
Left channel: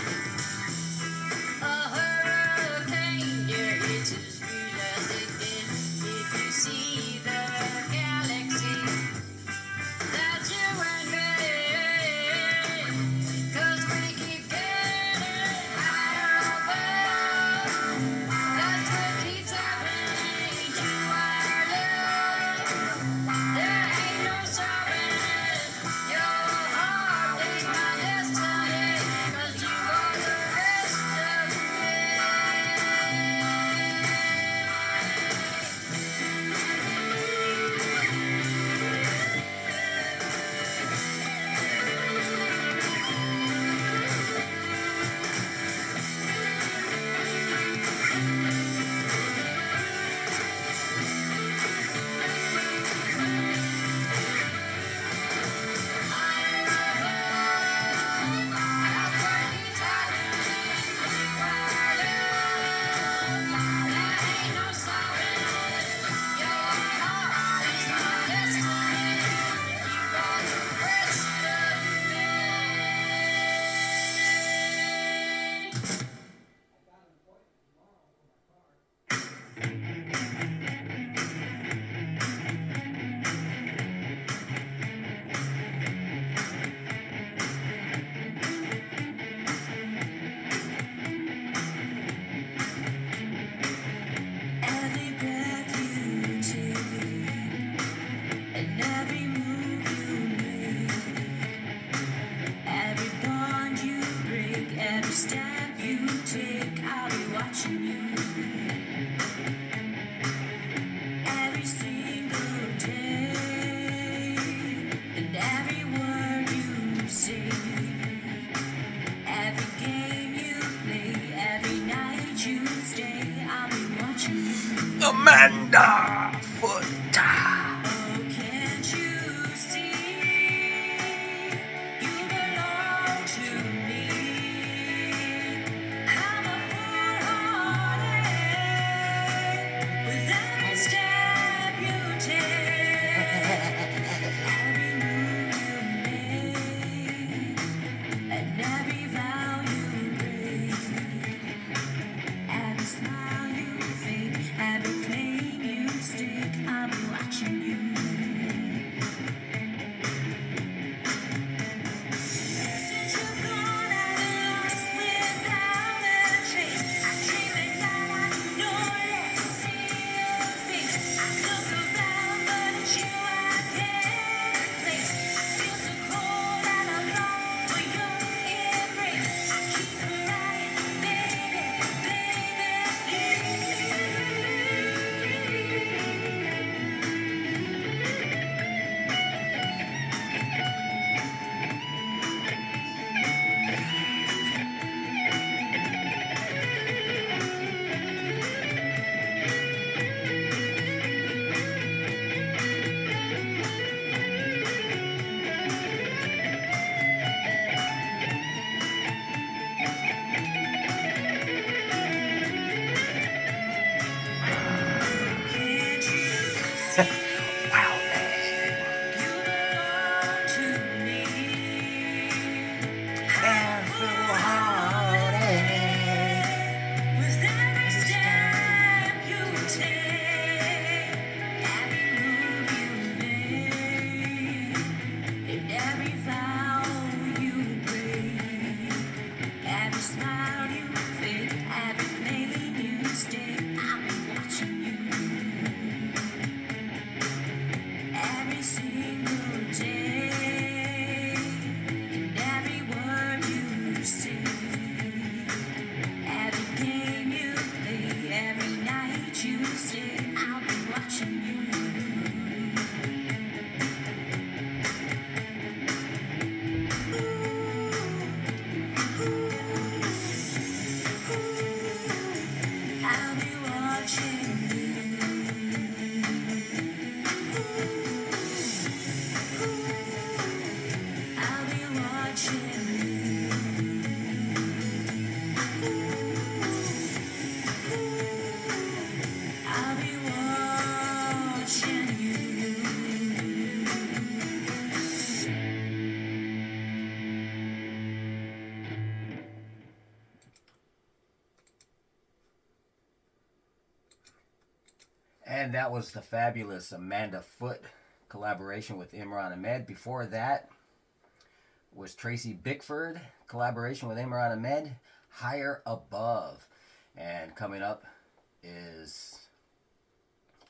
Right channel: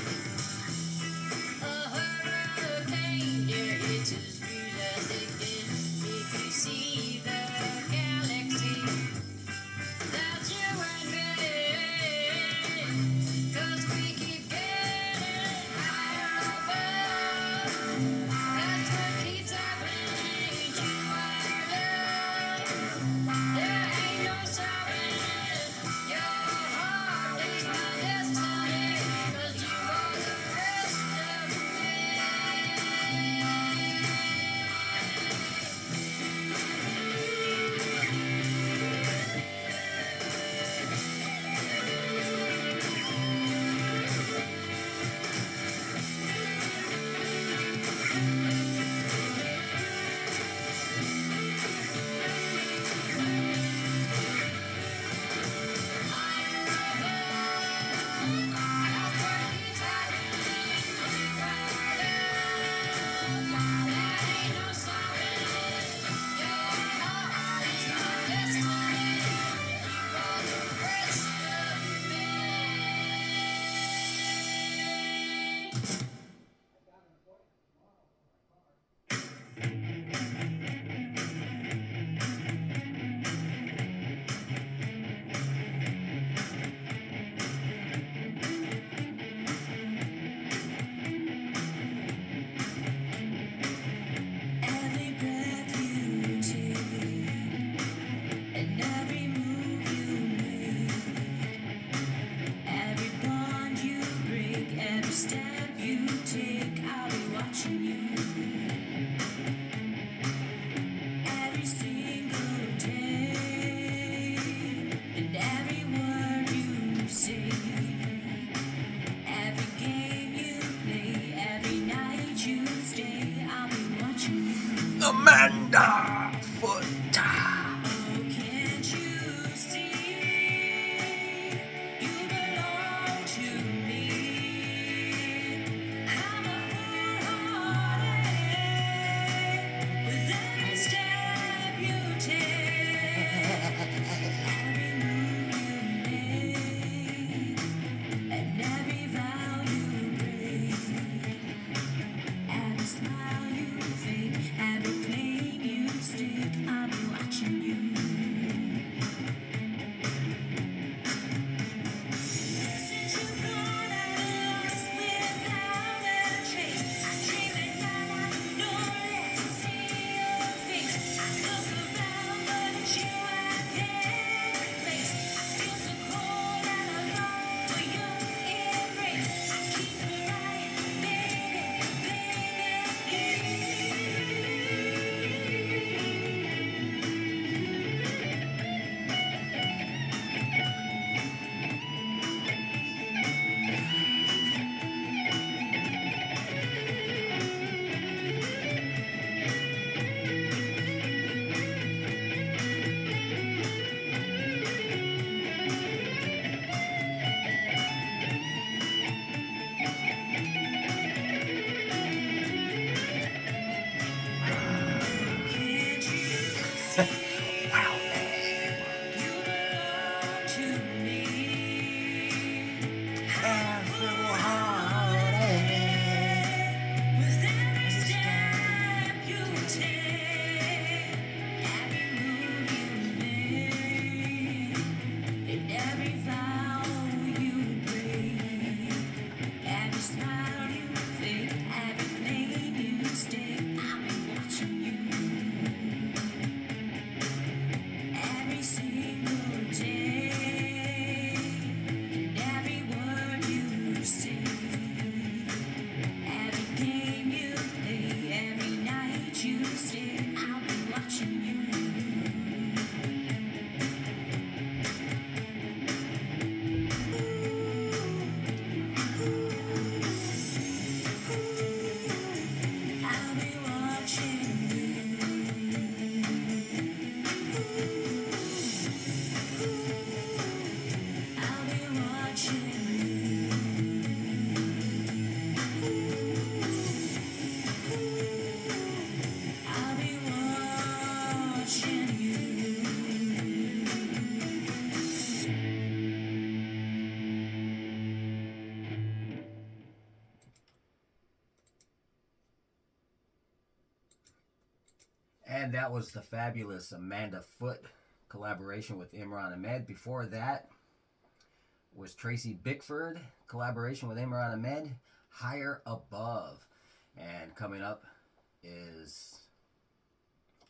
A hurricane, yeah, it's as real as it gets. If you see the galaxy, that's you and me. 'Cause we keep getting higher above. That's what keeps happening to our love. There ain't no stopping it. Your heart is my destiny. 'Cause you are the rest of every breath you take and every move you make, every bond you break, every step you take, I'll be watching you. Every single day and every word you say, every game you play, every night you stay, I'll be watching you. Amanda Foot. Oh, can't you see? You belong to me. I'm a fool-hearted with every step you take, every move you make, and every vow you break, every smile you fake, every pain you stick. I'll be watching. Wow. Every single day, and every word you say, every game you play, every night you stay, I'll be watching you. I'll be watching you. I'll be watching you. I'll be watching you. And that was the fabulous Amanda Foote collaboration with Imran Ahmed. Before that was Tracy Bickford collaboration with Imran Ahmed, Higher Above. And coming up is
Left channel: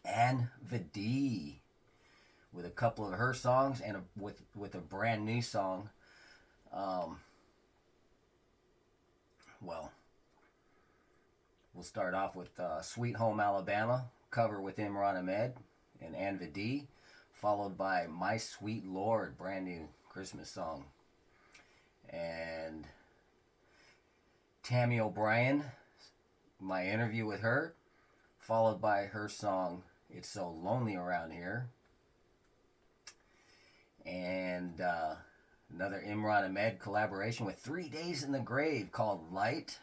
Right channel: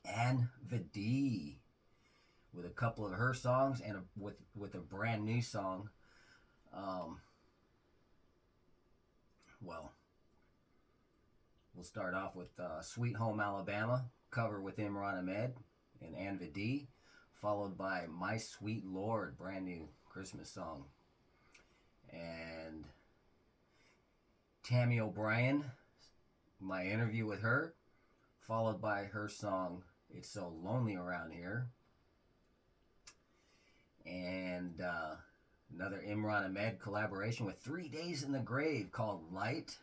Anne Videe with a couple of her songs and with a brand new song. Well, we'll start off with Sweet Home Alabama, cover with Imran Ahmed and Anne Videe, followed by My Sweet Lord, brand new Christmas song. And Tammy O'Brien, my interview with her, followed by her song It's So Lonely Around Here. And another Imran Ahmed collaboration with 3 Days in the Grave called Light.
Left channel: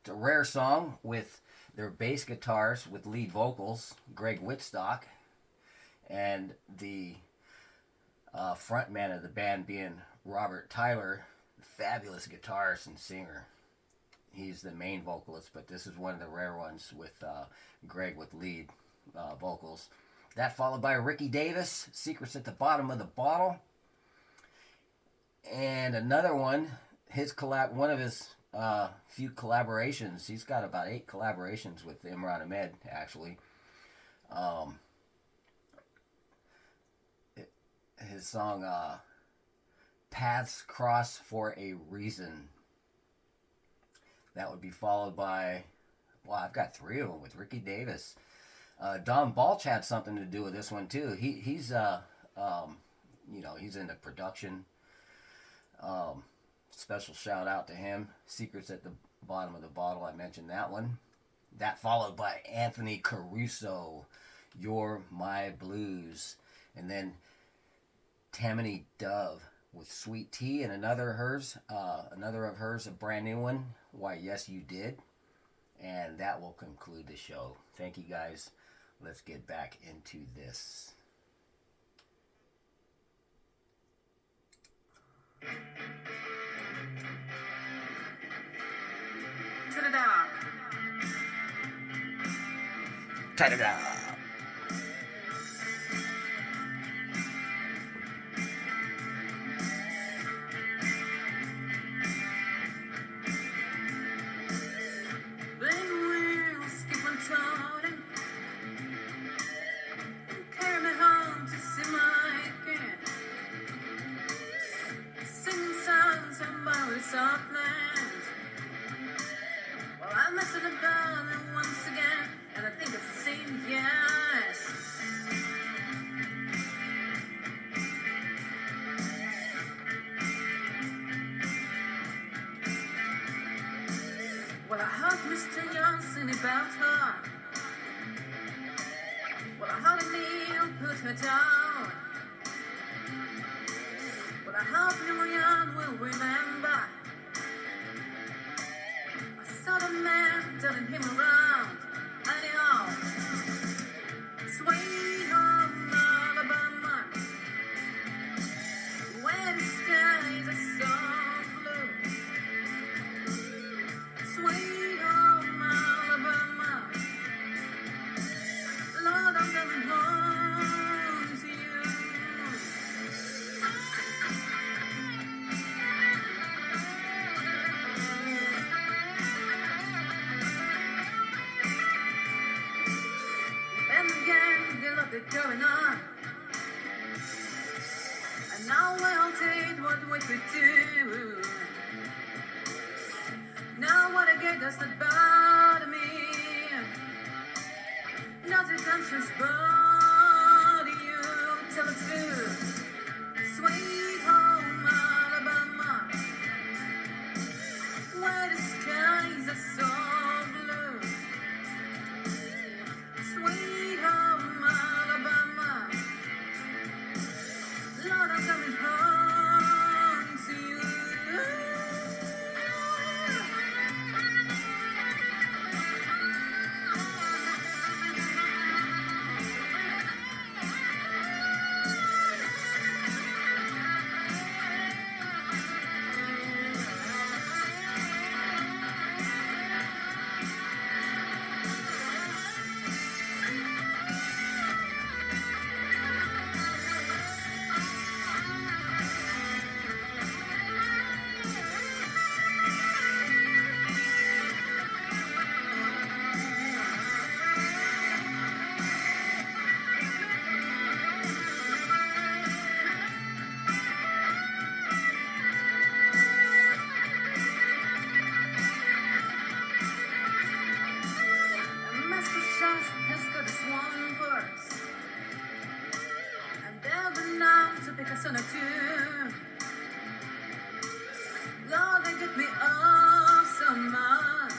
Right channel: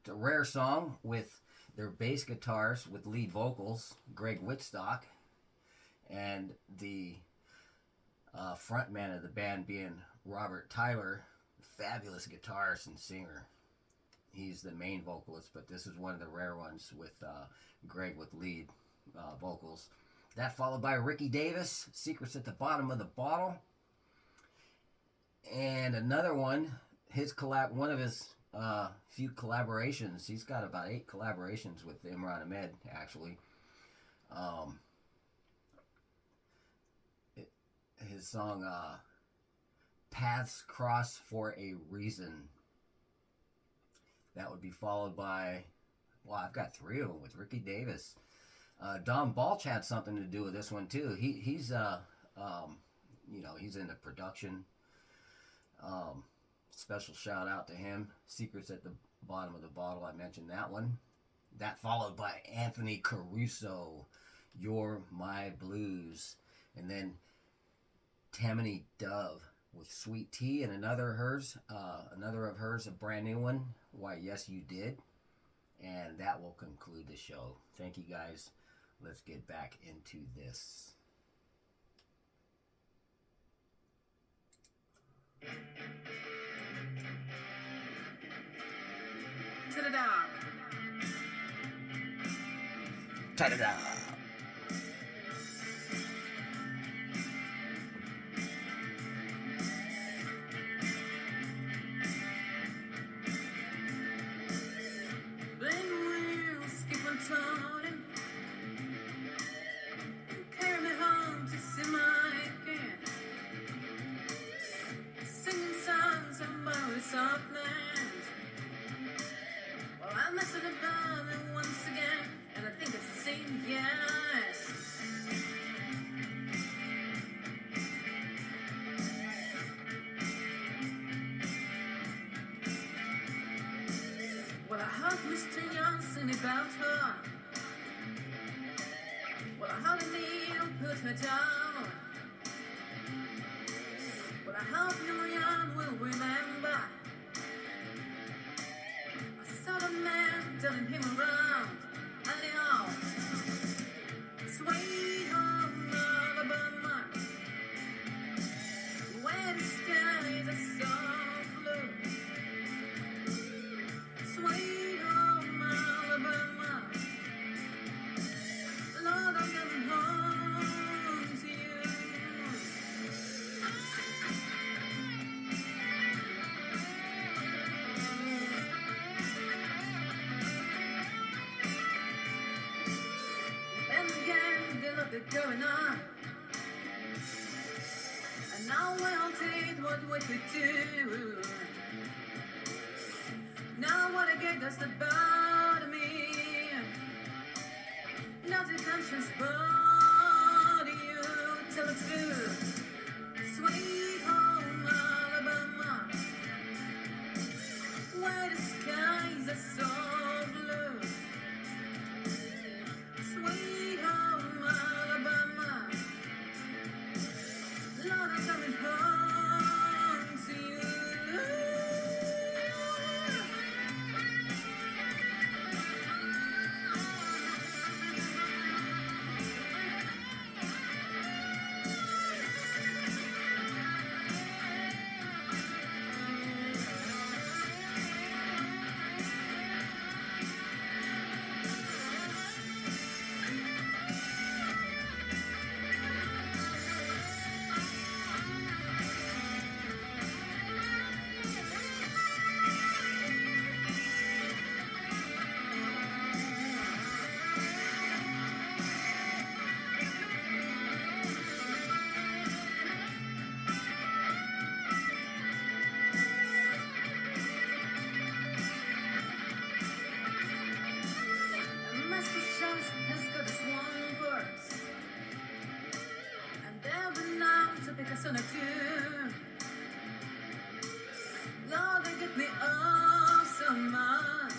It's a rare song with their bass guitars with lead vocals, Greg Whitstock, and the frontman of the band being Robert Tyler, fabulous guitarist and singer. He's the main vocalist, but this is one of the rare ones with Greg with lead vocals. That followed by Ricky Davis, Secrets at the Bottom of the Bottle. And another one, one of his few collaborations. He's got about 8 collaborations with Imran Ahmed, actually. His song, Paths Cross for a Reason. That would be followed by, well, I've got 3 of them with Ricky Davis. Don Balch had something to do with this one too. He's he's into production. Special shout out to him. Secrets at the Bottom of the Bottle, I mentioned that one. That followed by Anthony Caruso, You're My Blues. And then Tammany Dove with Sweet Tea, and another of hers, a brand new one, Why Yes You Did. And that will conclude the show. Thank you guys. Let's get back into this. Ta-da-da. Ta-da-da! Then we'll skip on toning. Carry me home to see my again. Singing songs of Molly Softland. Well, I'm messing about it once again, and I think it's the same, yes. Well, I heard Mr. Johnson about her. Well, I heard Neil put her down. Well, I hope Marianne will remember. I saw the man turning him around. Anyhow, sweet home. what they're going on. And now I'll take what we could do. Now what I get does not bother me. Not a conscience body you. Tell it to sweet home Alabama, where the skies are so blue. Sweet home Alabama, Lord, I'm coming home to you. Master Shot has got this one verse, and they've been known to pick a son or two. Lord, they get me up so much,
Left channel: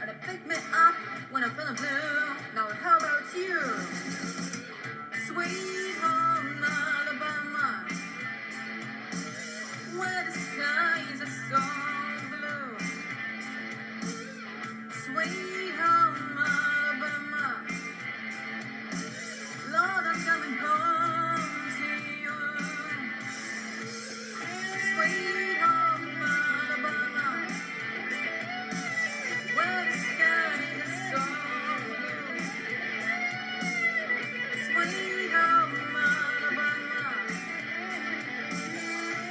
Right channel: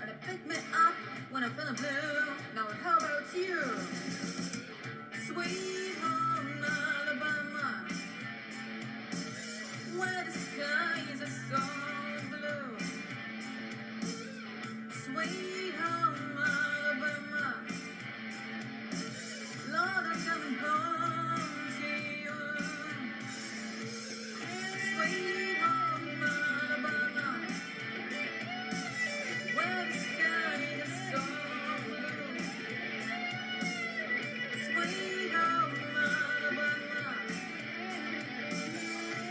and they pick me up when I'm feeling blue. Now how about you? Sweet home Alabama, where the skies are so blue. Sweet home Alabama, Lord, I'm coming home to you. Sweet home Alabama, where the sky is so blue. Sweet home Alabama,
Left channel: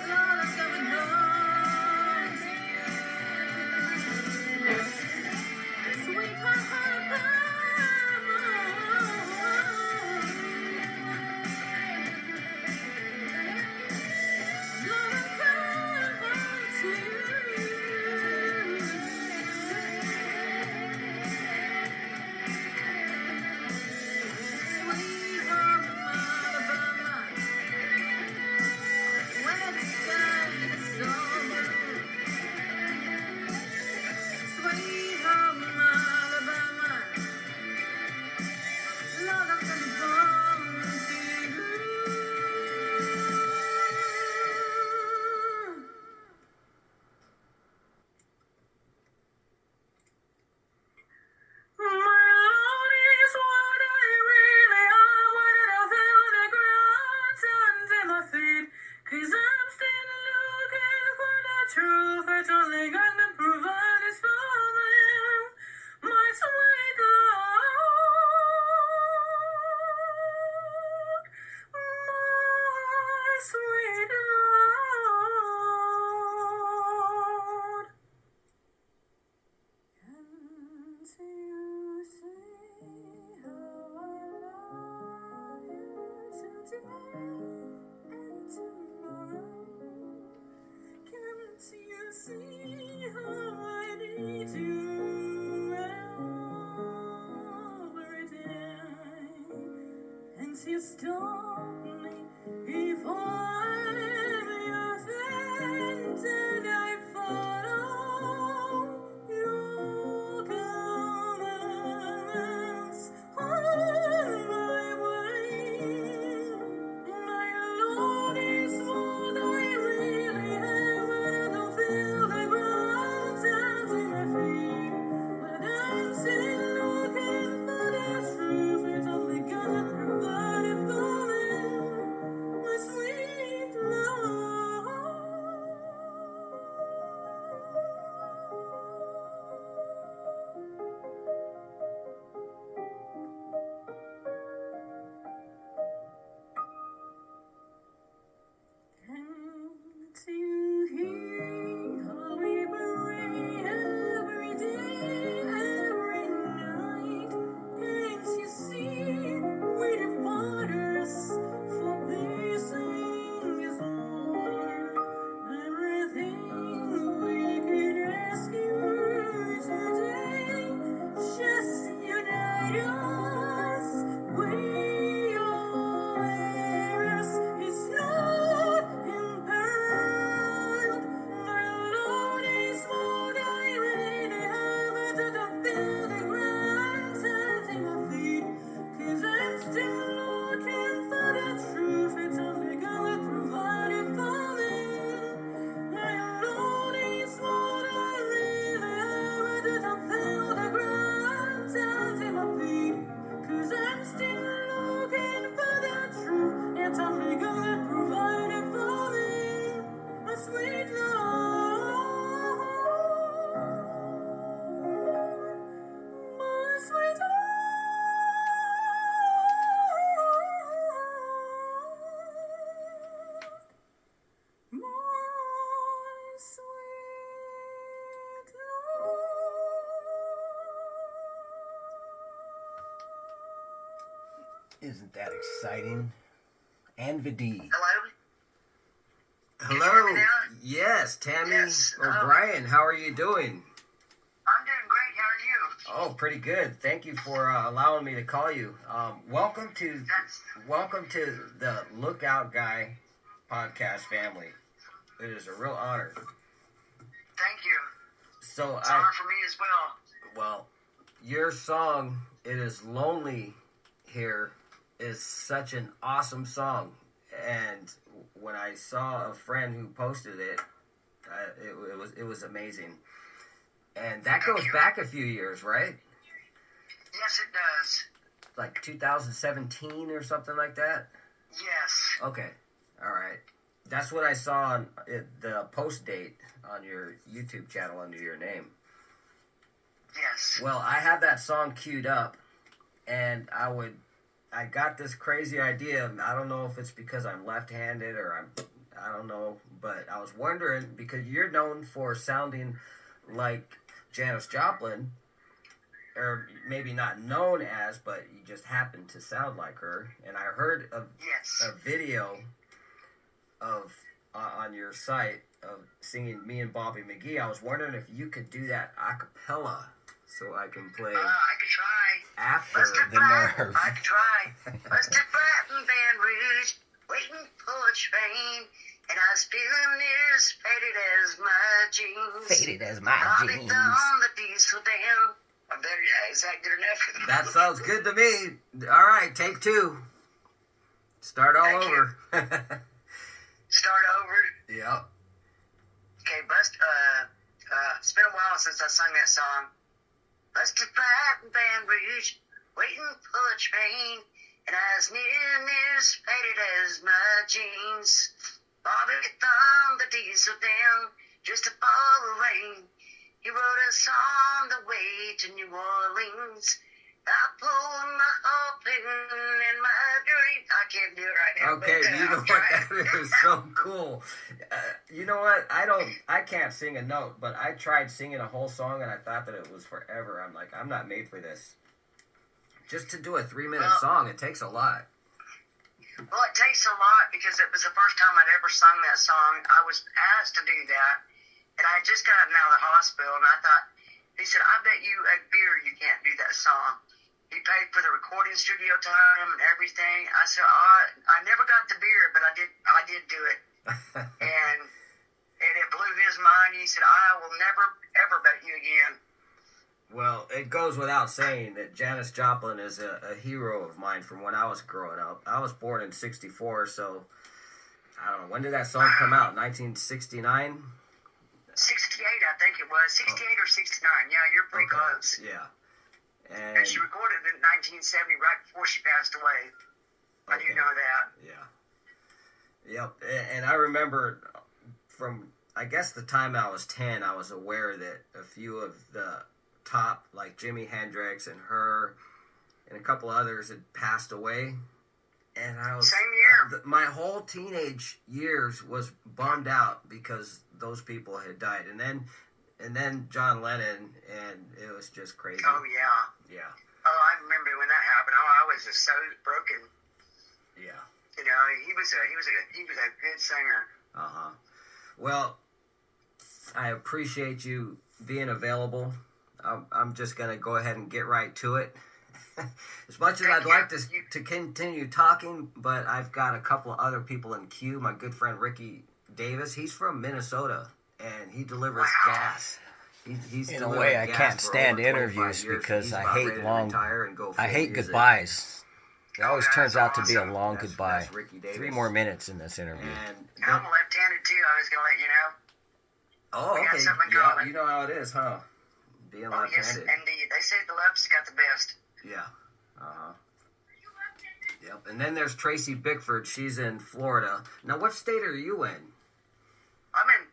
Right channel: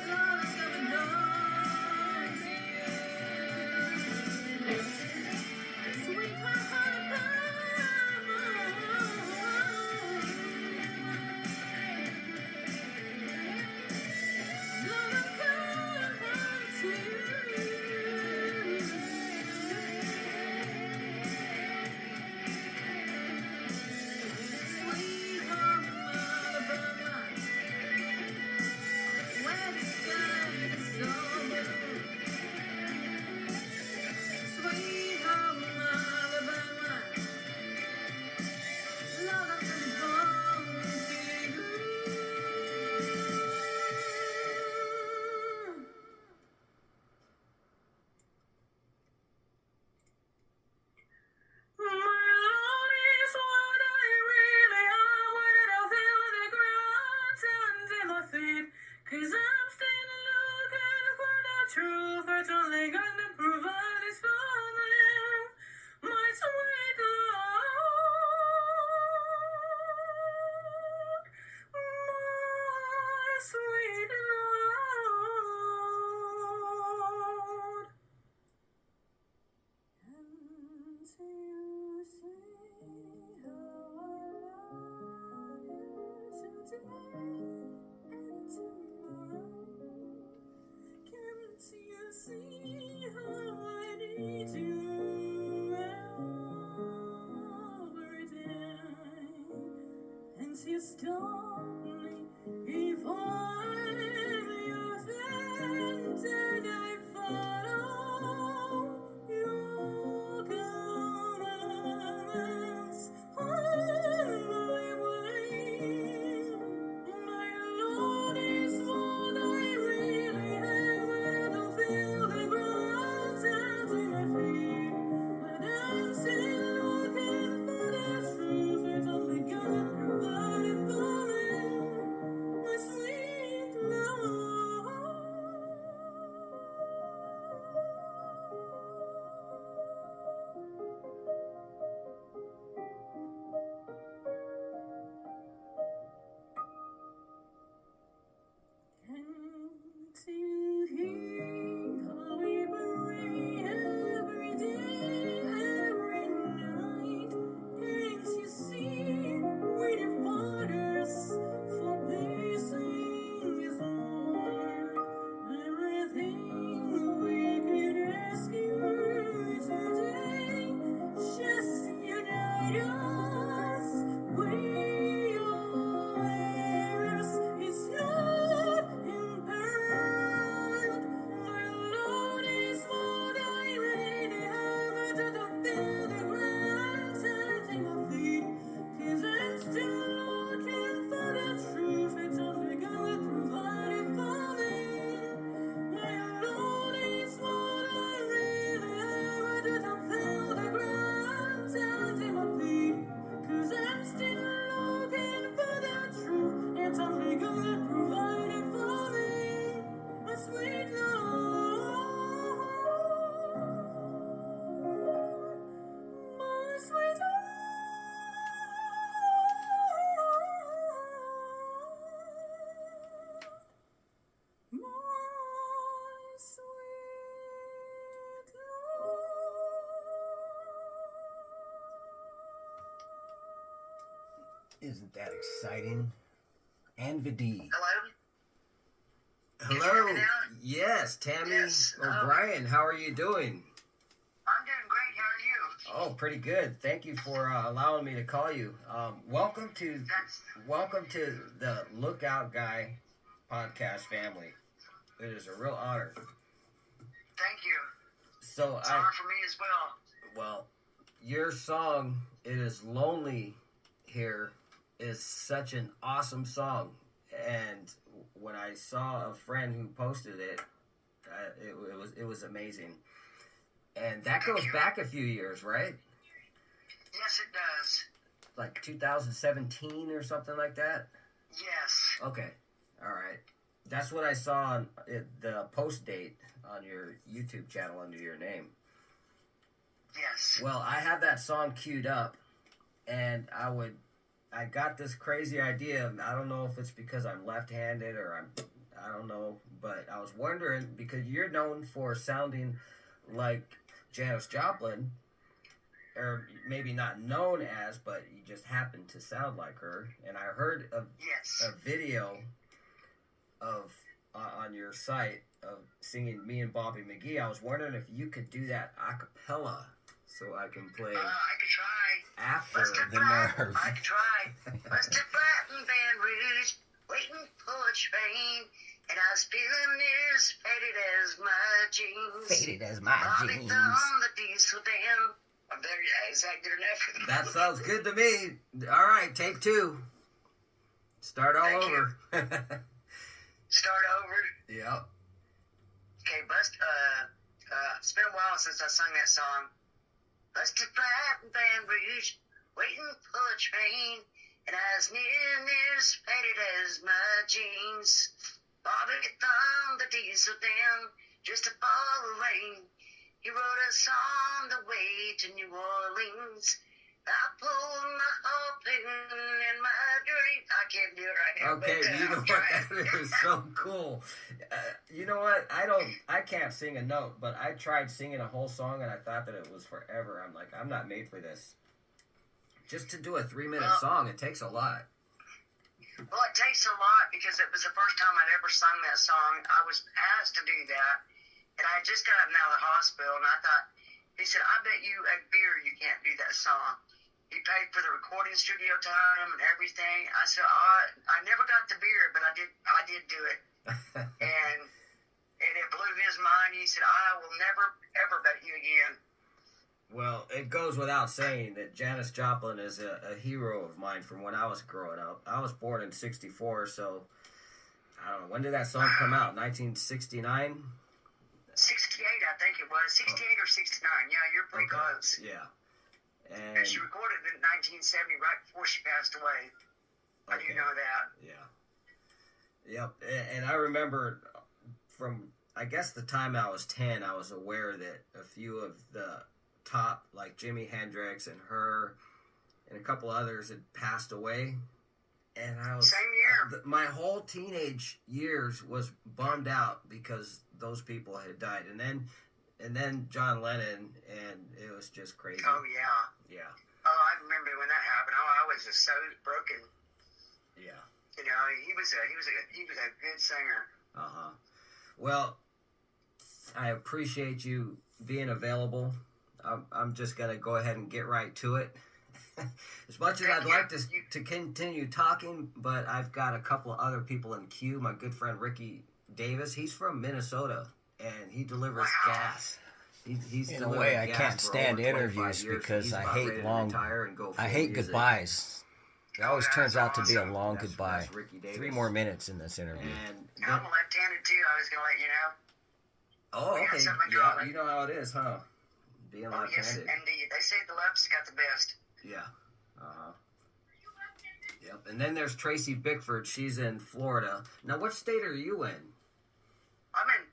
Lord, I'm coming home to you. Sweet home Alabama, Lord, I'm coming home to you. Sweet home Alabama, where the sky is so blue. Sweet home Alabama, Lord, I'm coming home to you. My Lord is what I really am. When I feel the ground under my feet, 'cause I'm still looking for the truth that only God can provide is for them. My sweet Lord, my sweet Lord. Can't you see how I love you today and tomorrow? Can't you see how I need you every day? Can't you stop me if I'm your friend and I follow your commands on my way? My Lord is what I really am when I don't feel the ground under my feet. But I'm still looking for the truth that only God can provide for me. Isn't that exciting? Anva D. Hello? Hello. Now? Yes, Tammy Yes. O'Brien. How are you doing? I'm doing great. How are you? Oh, pretty good. Thank you for allowing me to call you. Welcome to the Lookout Guy podcast family. It is a real honor. Thank you. So It's an honor for me as well. your song "It Is Lonely Here" is such an awesome song, and when I saw a friend who posted it, it was amazing. And that goes back a few years, right? Yes, it does. Like 2017 or something like that? Yes. Okay. All right. That's what I saw on the post date on your YouTube channel under your name. Yes. Well, I have that song queued up, and I got this crazy idea. I don't know if it's because I'm left-handed or I don't know, but I was wondering, because you're known for sounding like Janis Joplin, or maybe not known as, but you just happen to sound like her. And I heard Yes. a video of on your site of singing "Me and Bobby McGee." I was wondering if you could do that a cappella, so I can play I could try. after. The nerve. I could try. Busted flat in Baton Rouge, waiting for a train, and I was feeling as faded as my jeans. Faded as my Bobby jeans. thumbed the diesel down. I'm very, is that good enough? That sounds good to me. All right, take two. Start all Thank you. over. Start over. Yep. Okay, it's been a while since I sung that song. Busted flat in Baton Rouge, waiting for a train, and I was near as faded as my jeans. Bobby thumbed the diesel down just to follow the rain. He wrote us on the way to New Orleans. I pulled my open and my dream. I can't do it right now. Okay, but, you know I'm what? trying. That is so cool. You know what? I can't sing a note, but I tried singing a whole song and I thought that it was forever. I'm like, I'm not made for this. Just to do a 3-minute Well- song, it takes a lot. Well, it takes a lot because it was the first time I'd ever sung that song. I was asked to do that, and I had just gotten out of the hospital, and I thought, he said, I bet you at beer you can't do that song. He paid for the recording studio time and everything. I said, I never got the beer, but I did do it. And it blew his mind. He said, I will never, ever bet you again. Well, it goes without saying that Janis Joplin is a hero of mine from when I was growing up. I was born in '64, so I don't know. When did that song come out? 1969? 68, I think it was. 68 or 69. Yeah, you're pretty close. Yeah. And she recorded it in 1970, right before she passed away. I do know that. Yeah. Yep. And I remember from, I guess, the time I was 10, I was aware that a few of the top, like Jimi Hendrix and her and a couple others had passed away. And I was... Same year. My whole teenage years was bummed out because those people had died. And then John Lennon, and it was just crazy. Oh, yeah. Yeah. Oh, I remember when that happened. Oh, I was just so broken. Yeah. You know, he was a good singer. Uh-huh. Well, I appreciate you being available. I'm just going to go ahead and get right to it. As much as I'd like to continue talking, but I've got a couple of other people in queue. My good friend Ricky Davis, he's from Minnesota, and he delivers gas. He's In a way, I can't stand interviews because I hate goodbyes. It always turns out to be a long goodbye. That's Ricky Davis. 3 more minutes in this interview. And I'm left-handed too. I was gonna let you know. oh, We got okay. something in Yeah, common. you know how it is, huh? Being Oh yes, left-handed. indeed. They say the left's got the best. Yeah. Uh-huh. Yep. And then there's Tracy Bickford. She's in Florida. Now, what state are you in? I'm in.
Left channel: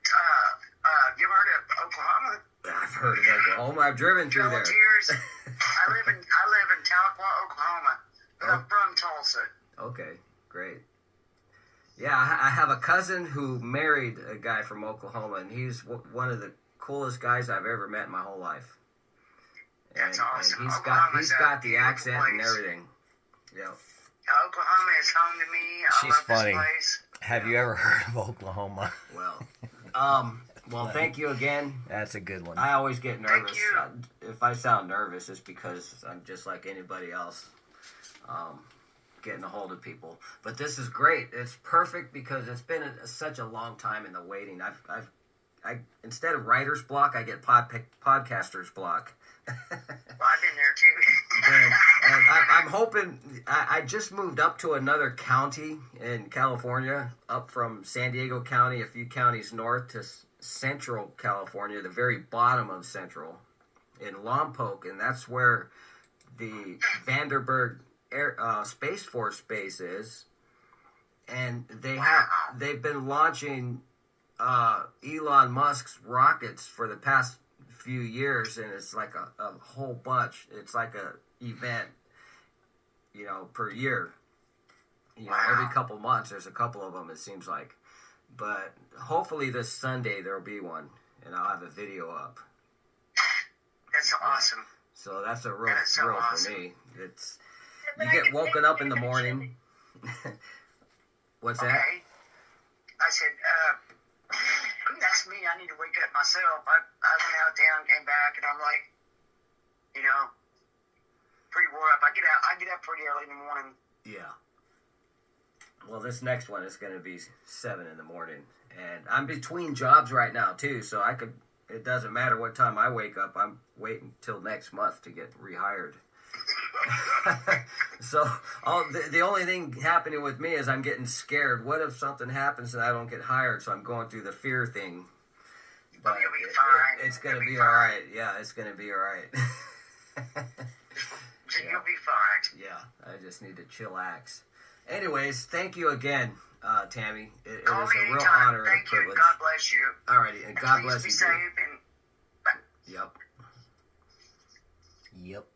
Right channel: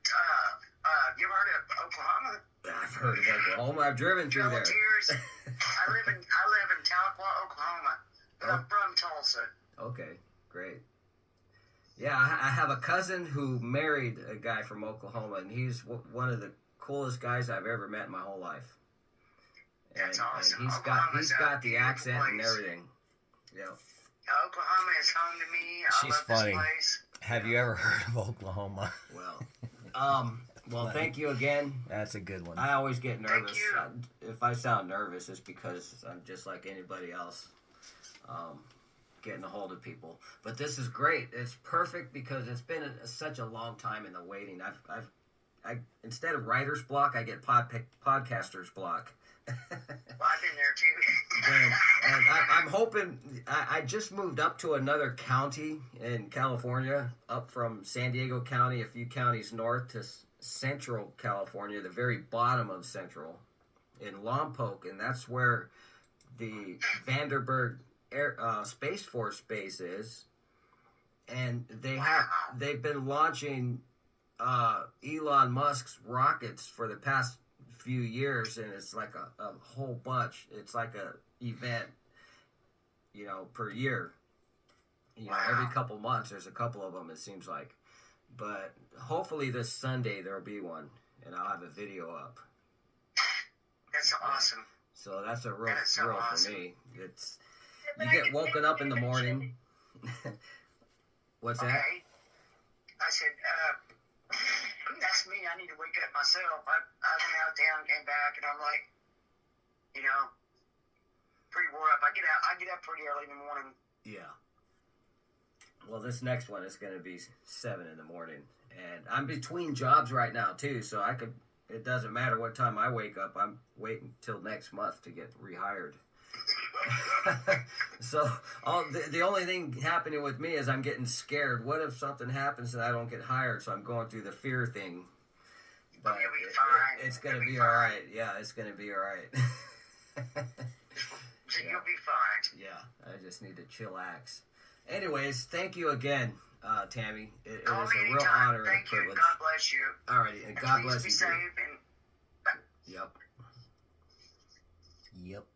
You ever heard of Oklahoma? I've heard of Oklahoma. I've driven through there. Tears. I live in Tahlequah, Oklahoma, but I'm from Tulsa. Okay, great. Yeah, I have a cousin who married a guy from Oklahoma, and he's one of the coolest guys I've ever met in my whole life. That's and awesome. he's Oklahoma's got a the beautiful accent and place. everything. Yeah. Oklahoma is home to me. I She's love funny. this place. Have you ever heard of Oklahoma? Well, thank you again. That's a good one. I always get nervous. you. If I sound nervous, it's because I'm just like anybody else, getting a hold of people. But this is great. It's perfect because it's been such a long time in the waiting. I instead of writer's block, I get podcaster's block. Well, I've been there too. And I'm hoping. I just moved up to another county in California, up from San Diego County, a few counties north to Central California, the very bottom of Central, in Lompoc, and that's where the Vandenberg Space Force base is. And they've been launching Elon Musk's rockets for the past few years, and it's like a whole bunch. It's like a event, per year. Every couple months there's a couple of them, it seems like. But hopefully this Sunday there'll be one, and I'll have a video up. That's awesome. So that's a real That is so thrill awesome. for me. It's you get woken up in the morning. What's that? Okay. I said, that's me. I need to wake up myself. I went out of town, came back, and I'm like, pretty wore up. I get up pretty early in the morning. Yeah. Well, this next one is going to be 7 in the morning, and I'm between jobs right now too, so it doesn't matter what time I wake up. I'm waiting till next month to get rehired. So the only thing happening with me is I'm getting scared. What if something happens and I don't get hired? So I'm going through the fear thing. But You'll be fine. it's going to You'll be be all fine. right. Yeah, it's going to be all right. You'll be fine. Yeah, I just need to chillax. Anyways, thank you again, Tammy. It is Call me a real anytime. honor and a Thank you. privilege. God bless you. Alrighty, and And God please bless be you. safe. Too. And Yep. Yep.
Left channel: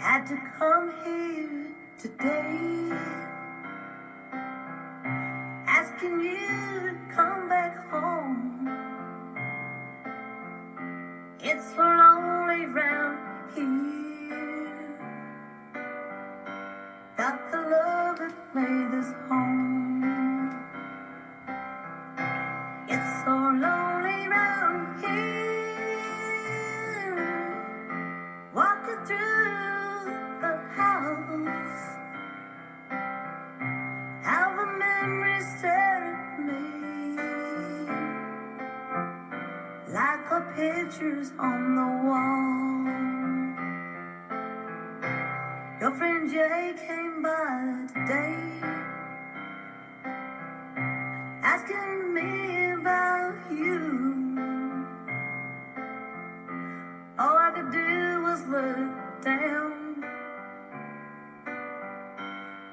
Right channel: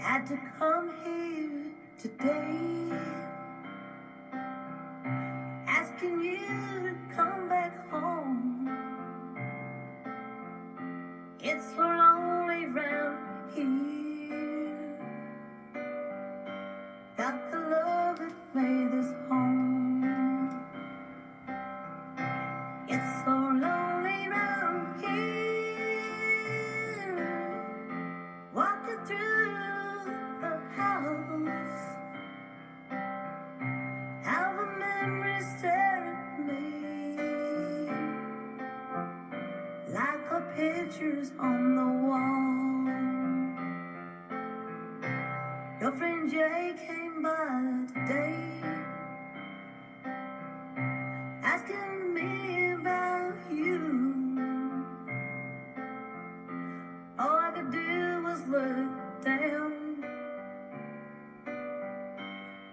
Had to come here today, asking you to come back home. It's so lonely round here. Got the love that made this home. It's so lonely round here. Walking through the house, how the memories stare at me like the pictures on the wall. Your friend Jay came by today, asking me about you. All I could do was look down,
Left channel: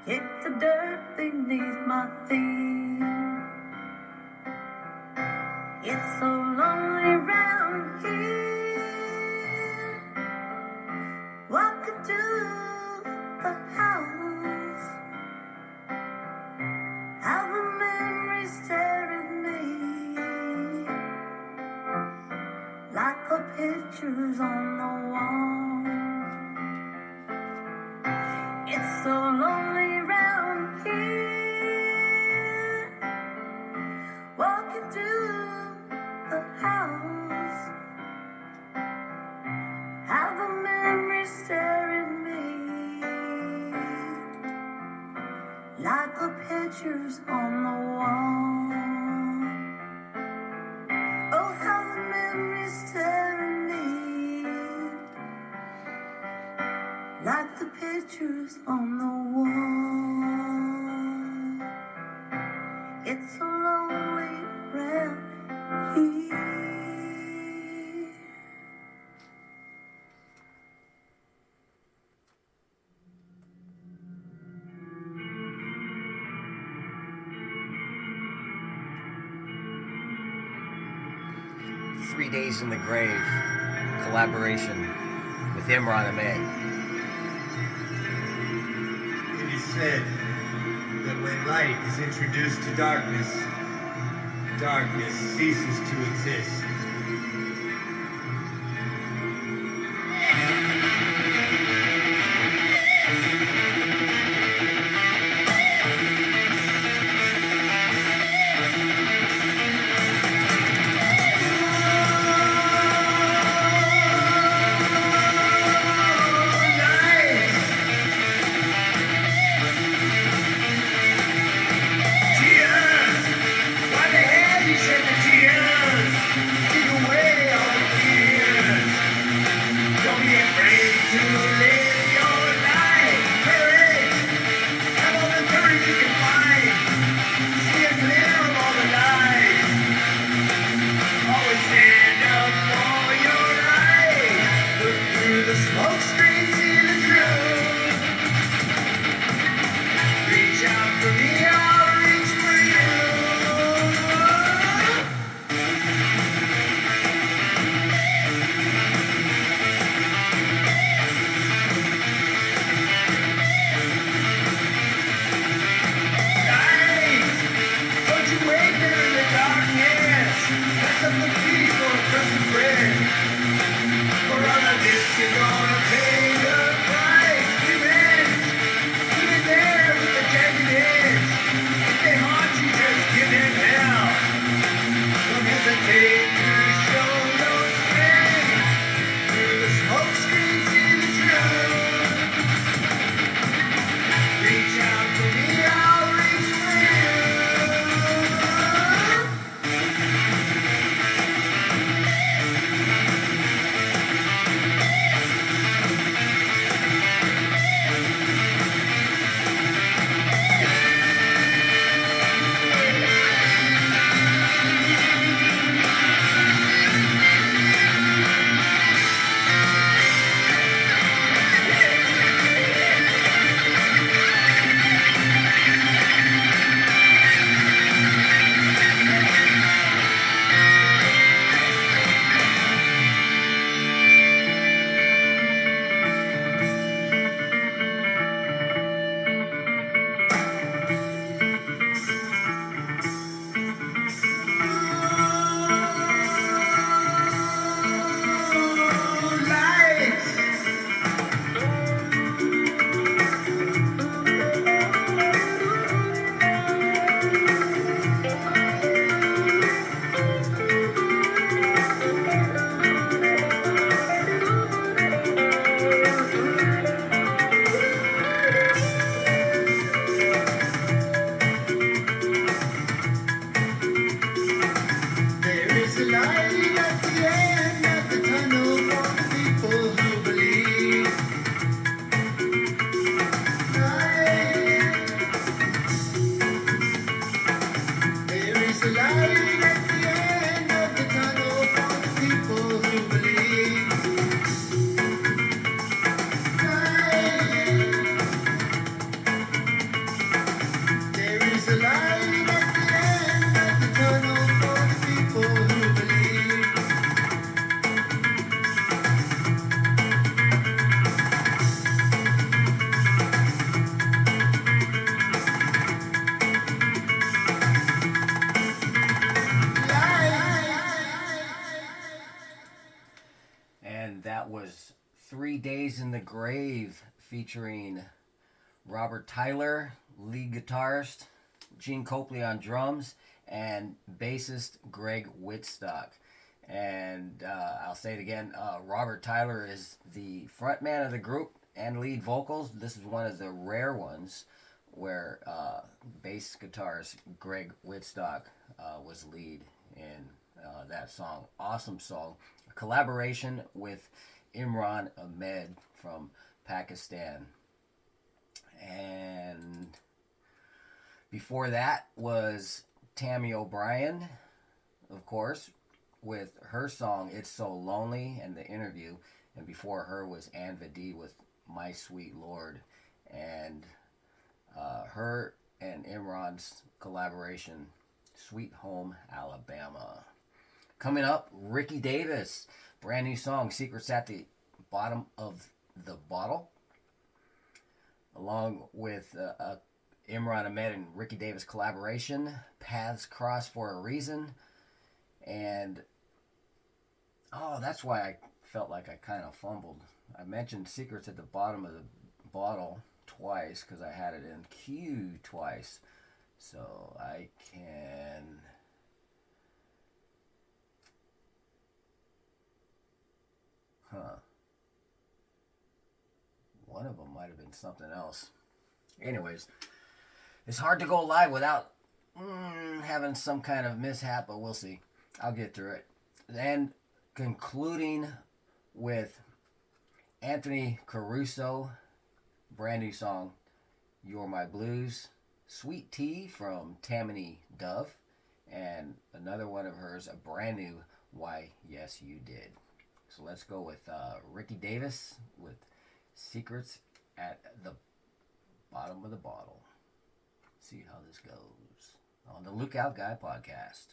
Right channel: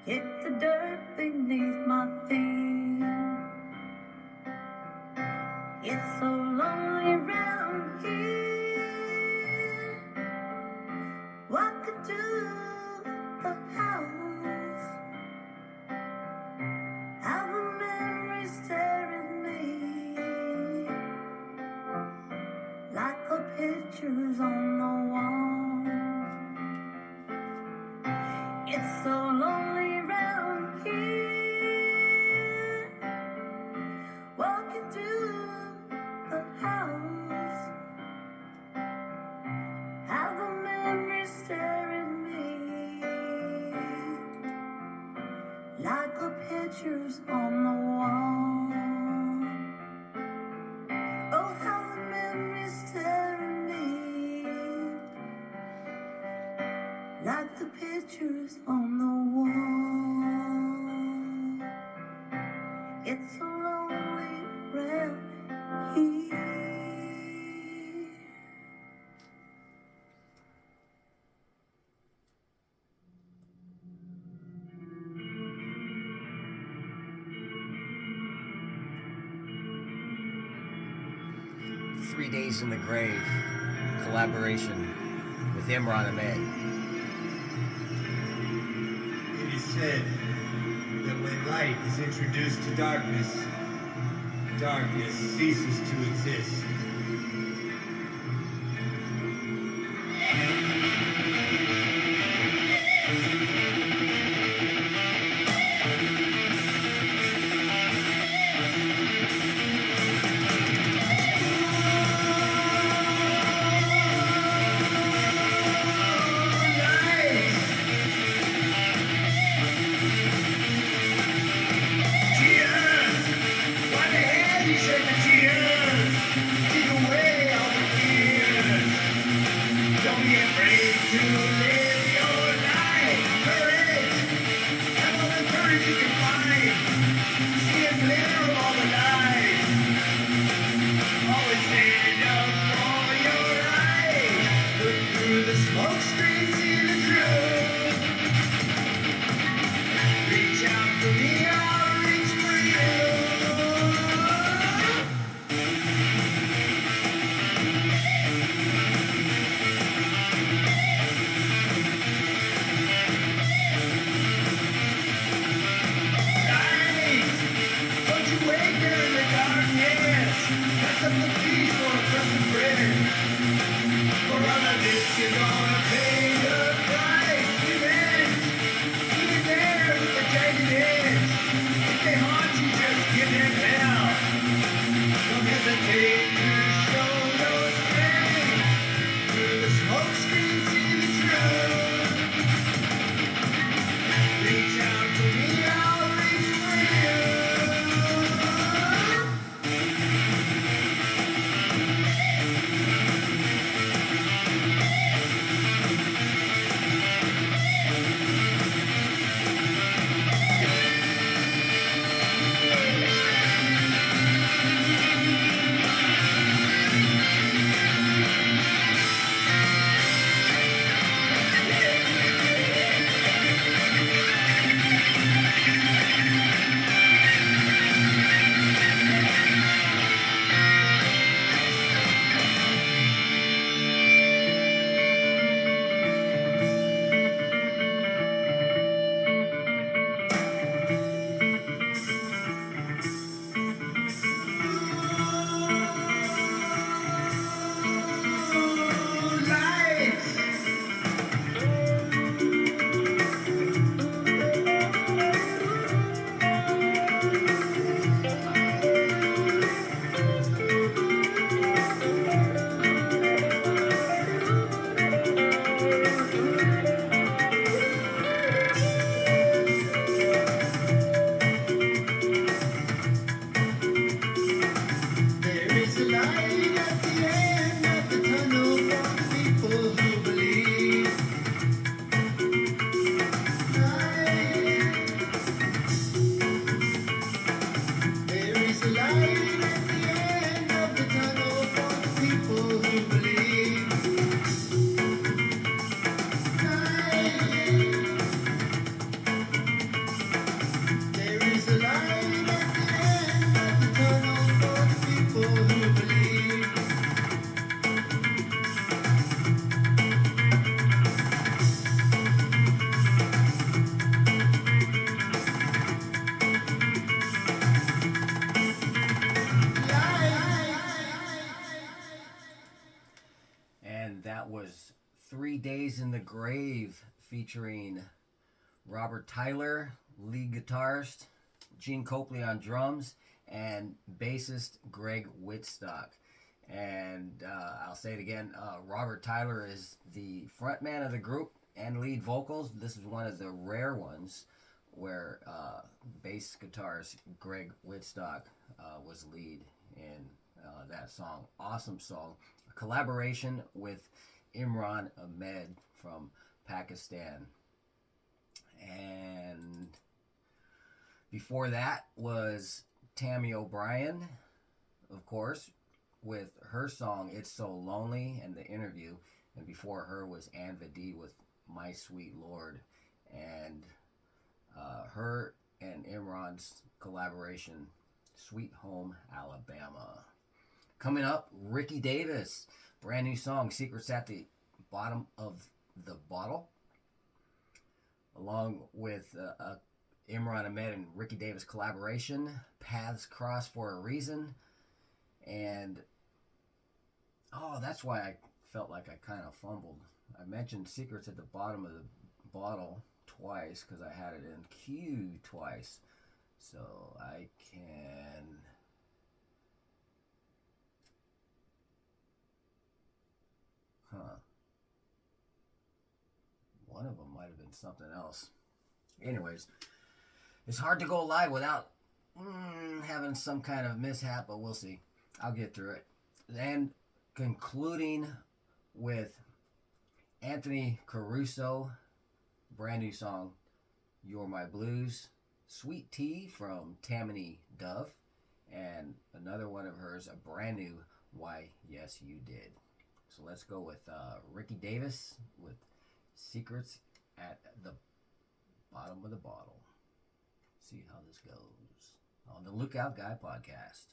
kick the dirt beneath my feet. It's so lonely round here, walking through the house, how the memories stare at me like the pictures on the wall. It's so lonely round here. Walking through the house, how the memories stare at me like the pictures on the wall. Oh, how the memories stare at me like the pictures on the wall. It's so lonely round here. 3 Days in the Grave collaboration with Imran Ahmed. It is said that when light is introduced to darkness, darkness ceases to exist. That was 3 Days in the Grave featuring Robert Tyler, lead guitarist, Gene Copley on drums, and bassist Greg Whitstock. And I'll say it again, Robert Tyler is the frontman of the group and lead vocals. This is one of the rare ones where bass guitarist Greg Whitstock was lead in that song. Awesome song. A collaboration with Imran Ahmed from Pakistan. And before that was Tammy O'Brien, of course, with her song It's So Lonely and The Interview. And before her was Ann Vadi with My Sweet Lord. And her and Imran's collaboration, Sweet Home Alabama. Coming up, Ricky Davis, brand new song, Secrets at the Bottom of the Bottle, along with Imran Ahmed and Ricky Davis collaboration, Paths Cross for a Reason. And that's why I felt like I kind of fumbled. I mentioned Secrets at the Bottom of the Bottle twice because I had it in queue twice. So I can... One of them might have been something else. Anyways, it's hard to go live without having some kind of mishap, but we'll see. I'll get through it. And concluding with Anthony Caruso, brand new song, You're My Blues, Sweet Tea from Tammany Dove, and another one of hers, a brand new Why Yes You Did. So let's go with Ricky Davis with Secrets at the Bottom of the Bottle. See how this goes on the Lookout Guy podcast.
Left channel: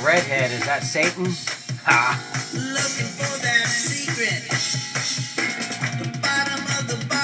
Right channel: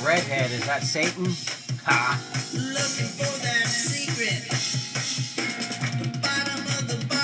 Redhead, is that Satan? Ha! Looking for that secret, the bottom of the bottle.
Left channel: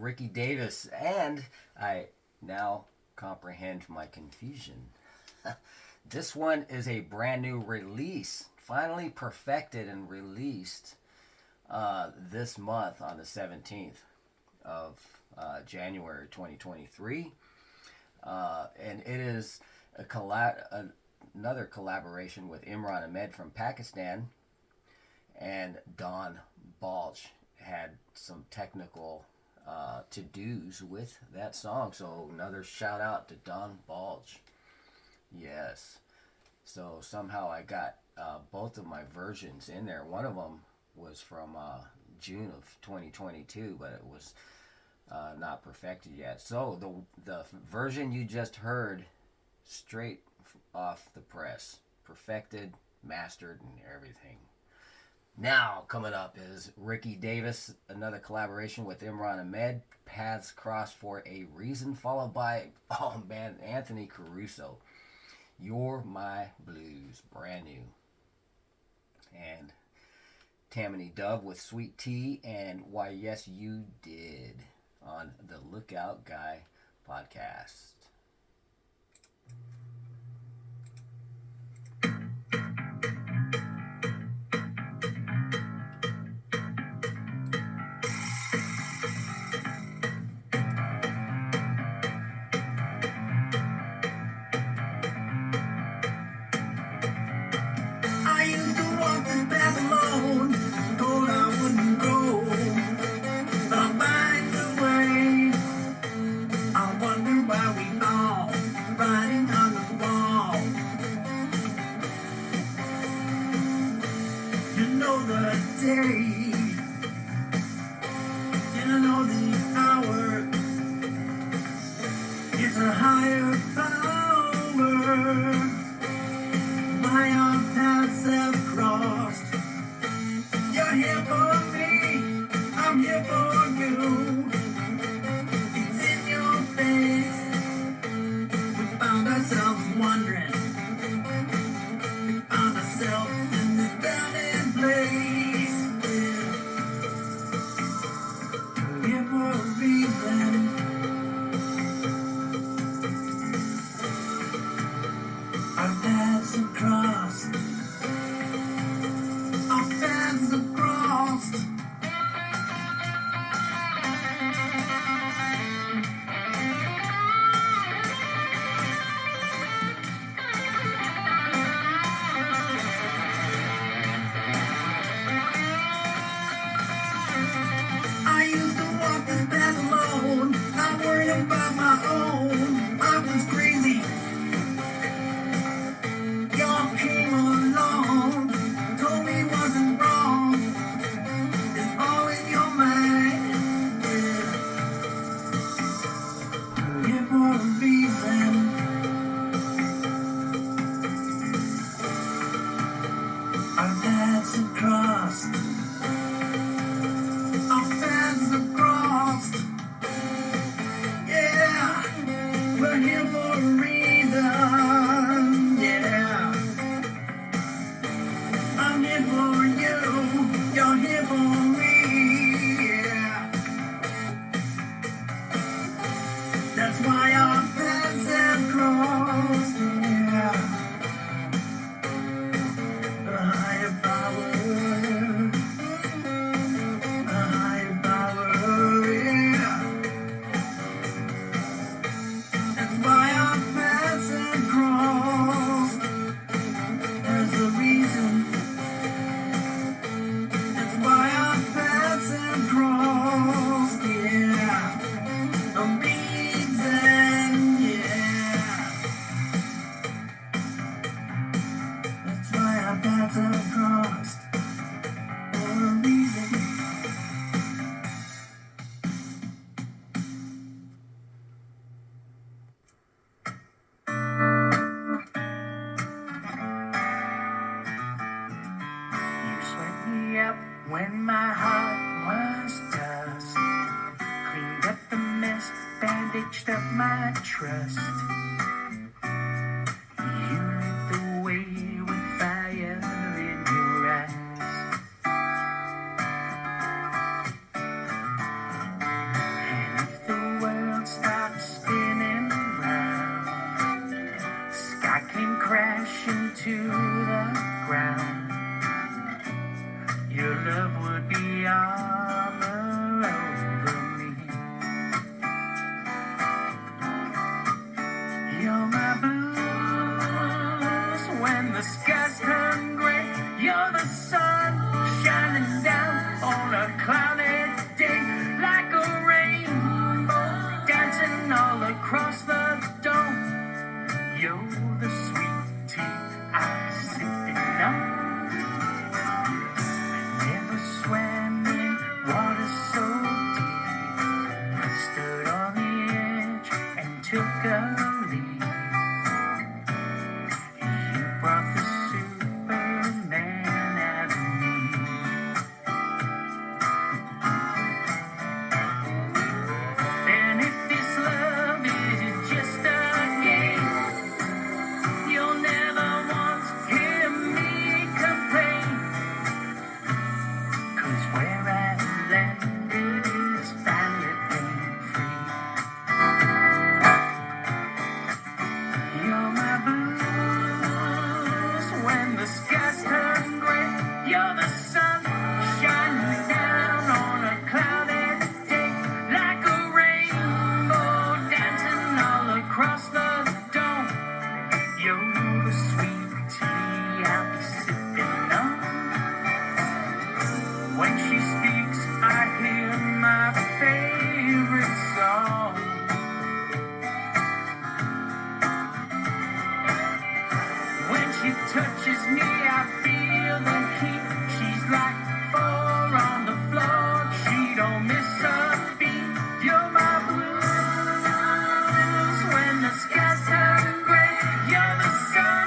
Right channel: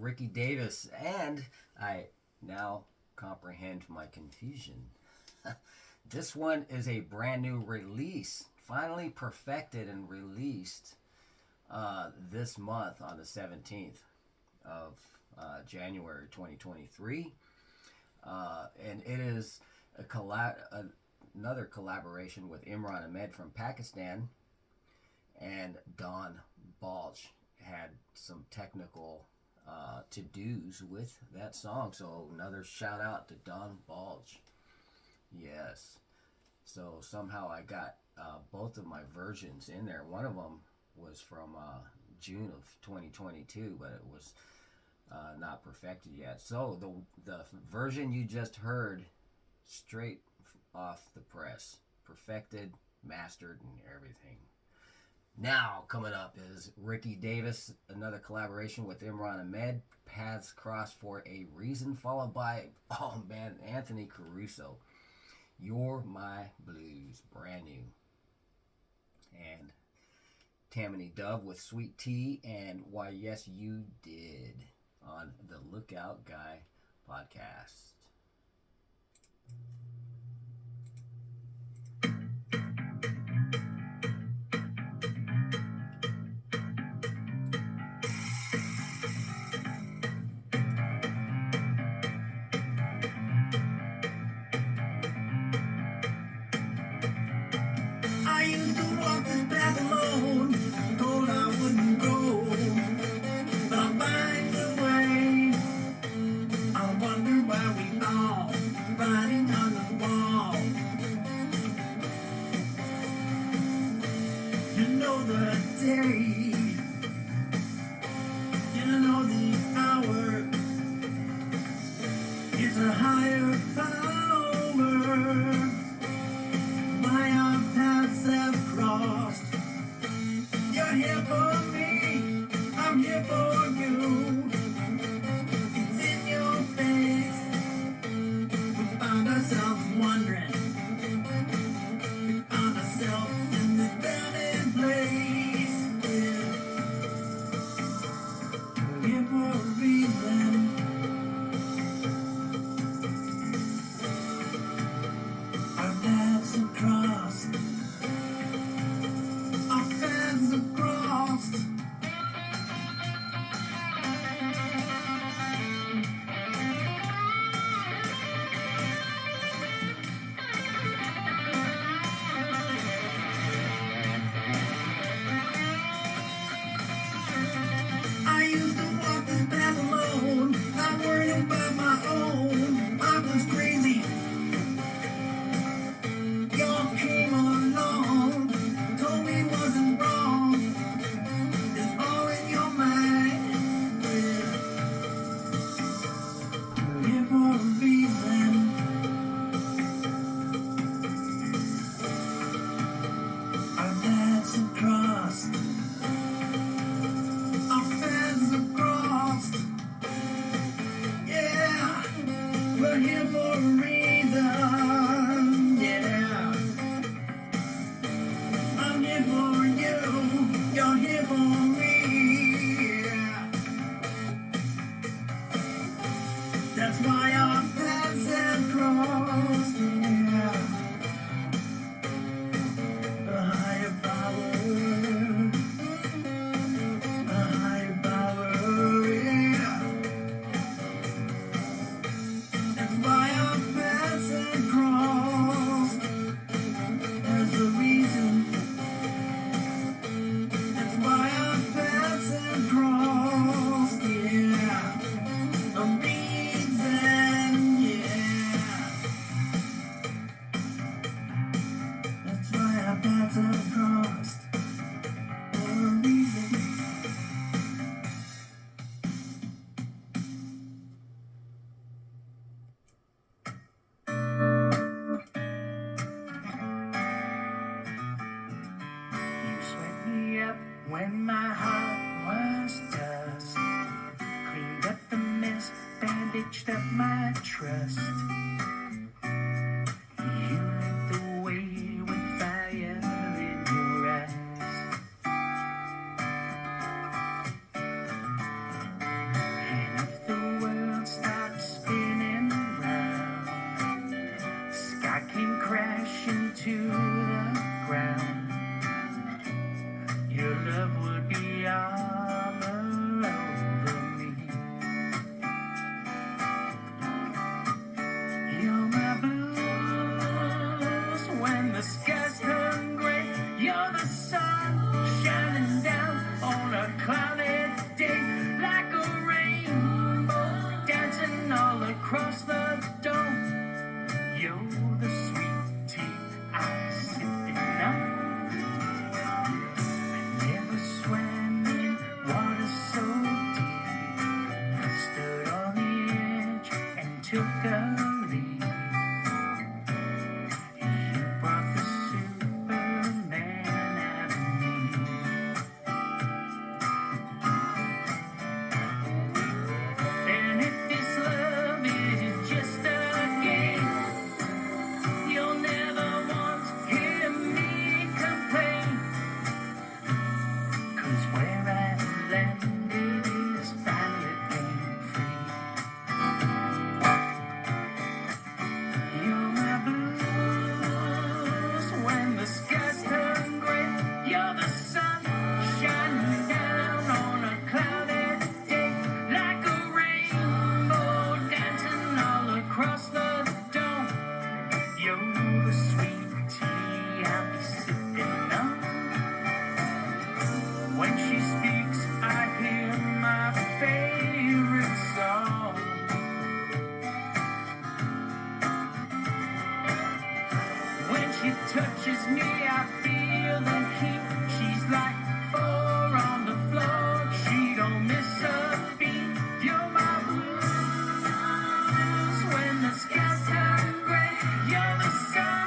Ricky Davis, and I now comprehend my confusion. This one is a brand new release, finally perfected and released this month on the 17th of January 2023. And it is another collaboration with Imran Ahmed from Pakistan, and Don Balch had some technical to-dos with that song. So another shout out to Don Balch. Yes. So somehow I got both of my versions in there. One of them was from June of 2022, but it was not perfected yet. So the version you just heard, straight off the press, perfected, mastered, and everything. Now coming up is Ricky Davis, another collaboration with Imran Ahmed, Paths Cross for a Reason, followed by, oh man, Anthony Caruso, You're My Blues, brand new. And Tammany Dove with Sweet Tea and Why Yes You Did on the Lookout Guy podcast. I used to walk this path alone, told I wouldn't go, but I'll find a way. I wonder why we all riding on the wall. You know the day, you know the hour. It's a higher power. My our paths have crossed. You're here for me, I'm here for you. It's in your face. We found ourselves wondering. We found ourselves in this burning place. We're here for a reason. Our paths have crossed. Our paths have crossed. I used to walk this path alone, not worrying about my own. I was crazy. Y'all came along, told me it wasn't wrong. It's all in your mind. We're here for a reason. Our paths have crossed. Our paths have crossed. Yeah, we're here for a reason. Yeah, I'm here for you. You're here for me. Yeah, that's why our paths have crossed. Yeah, a higher power. A higher power. Yeah. That's why our paths have crossed. There's a reason. That's why our paths have crossed. Yeah, a reason. Yeah, that's why our paths have crossed. For a reason. You swept me up when my heart was dust. Cleaned up the mess, bandaged up my trust. You lit the way with fire in your eyes. And across the dome. You're the sweet tea I'm sipping on. I never swam in water so deep. I stood on the edge and took a leap. You brought the Superman out of me. And if this love is just a game, you'll never once hear me complain. 'Cause where I landed is finally pain-free. You're my blues when the skies turn gray. You're the sun shining down on a cloudy day, like a rainbow dancing all across the dome. You're the sweet tea I'll be sipping on. When she speaks, I hear my favorite song. When she touches me, I feel the heat. She's like four on the floor. She don't miss a beat. You're my blues when the skies turn gray. You're the sun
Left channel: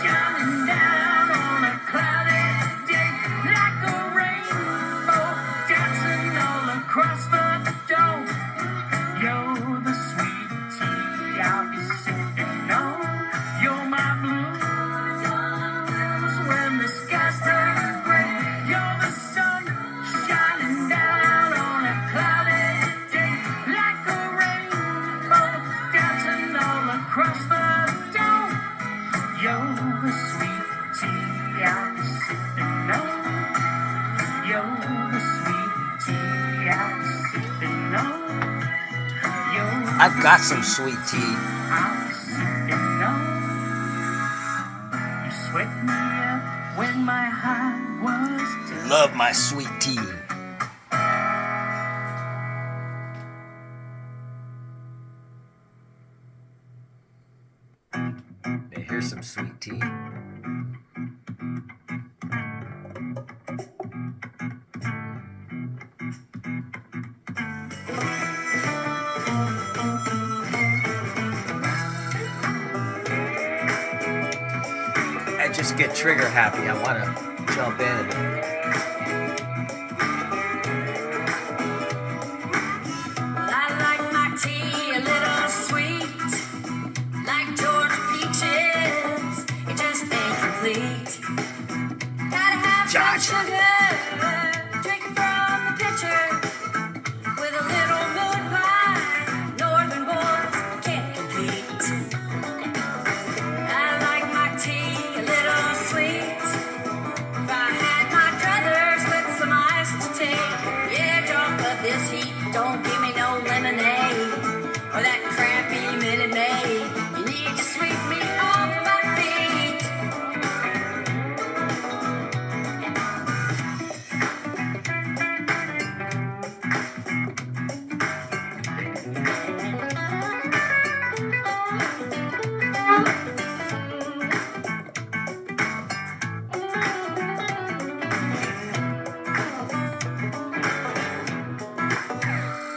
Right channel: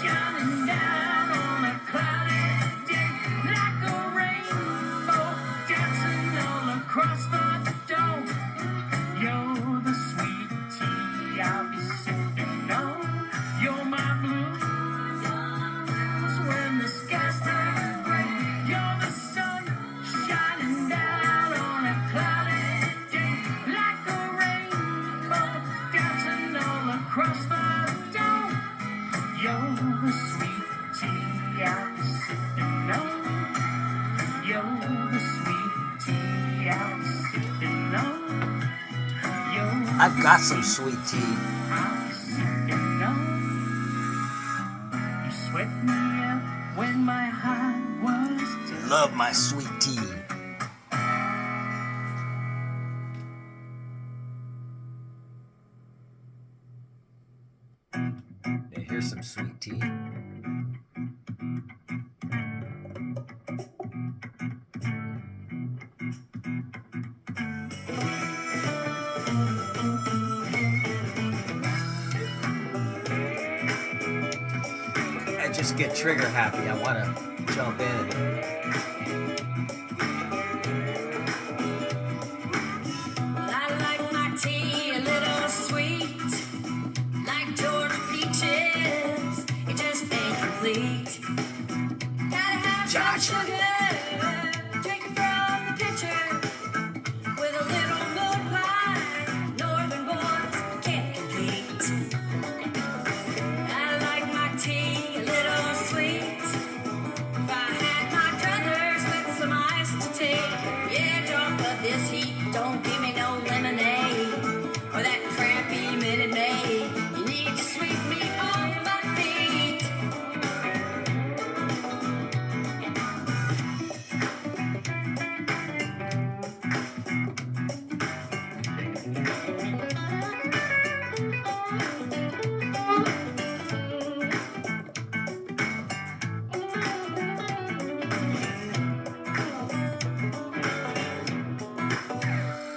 shining down on a cloudy day, like a rainbow dancing all across the dome. You're the sweet tea I'll be sipping on. You're my blues when the skies turn gray. You're the sun shining down on a cloudy day, like a rainbow dancing all across the dome. You're the sweet tea I'll be sipping on. You're the sweet tea I'll be sipping on. You're I've got some sweet tea. I'm sipping on. You swept me up when my heart was done. Love my sweet tea. Hey, here's some sweet tea. I just get trigger happy. I want to jump in and I like my tea a little sweet, like Georgia peaches. It just ain't complete. Gotta have some sugar, drink it from the pitcher, with a little moon pie. Northern boys can't compete. I like my tea a little sweet. If I had my druthers with some ice to take, yeah, don't let this heat. Don't give me no lemonade or that crappy Minute Maid. You need to sweep me off my feet.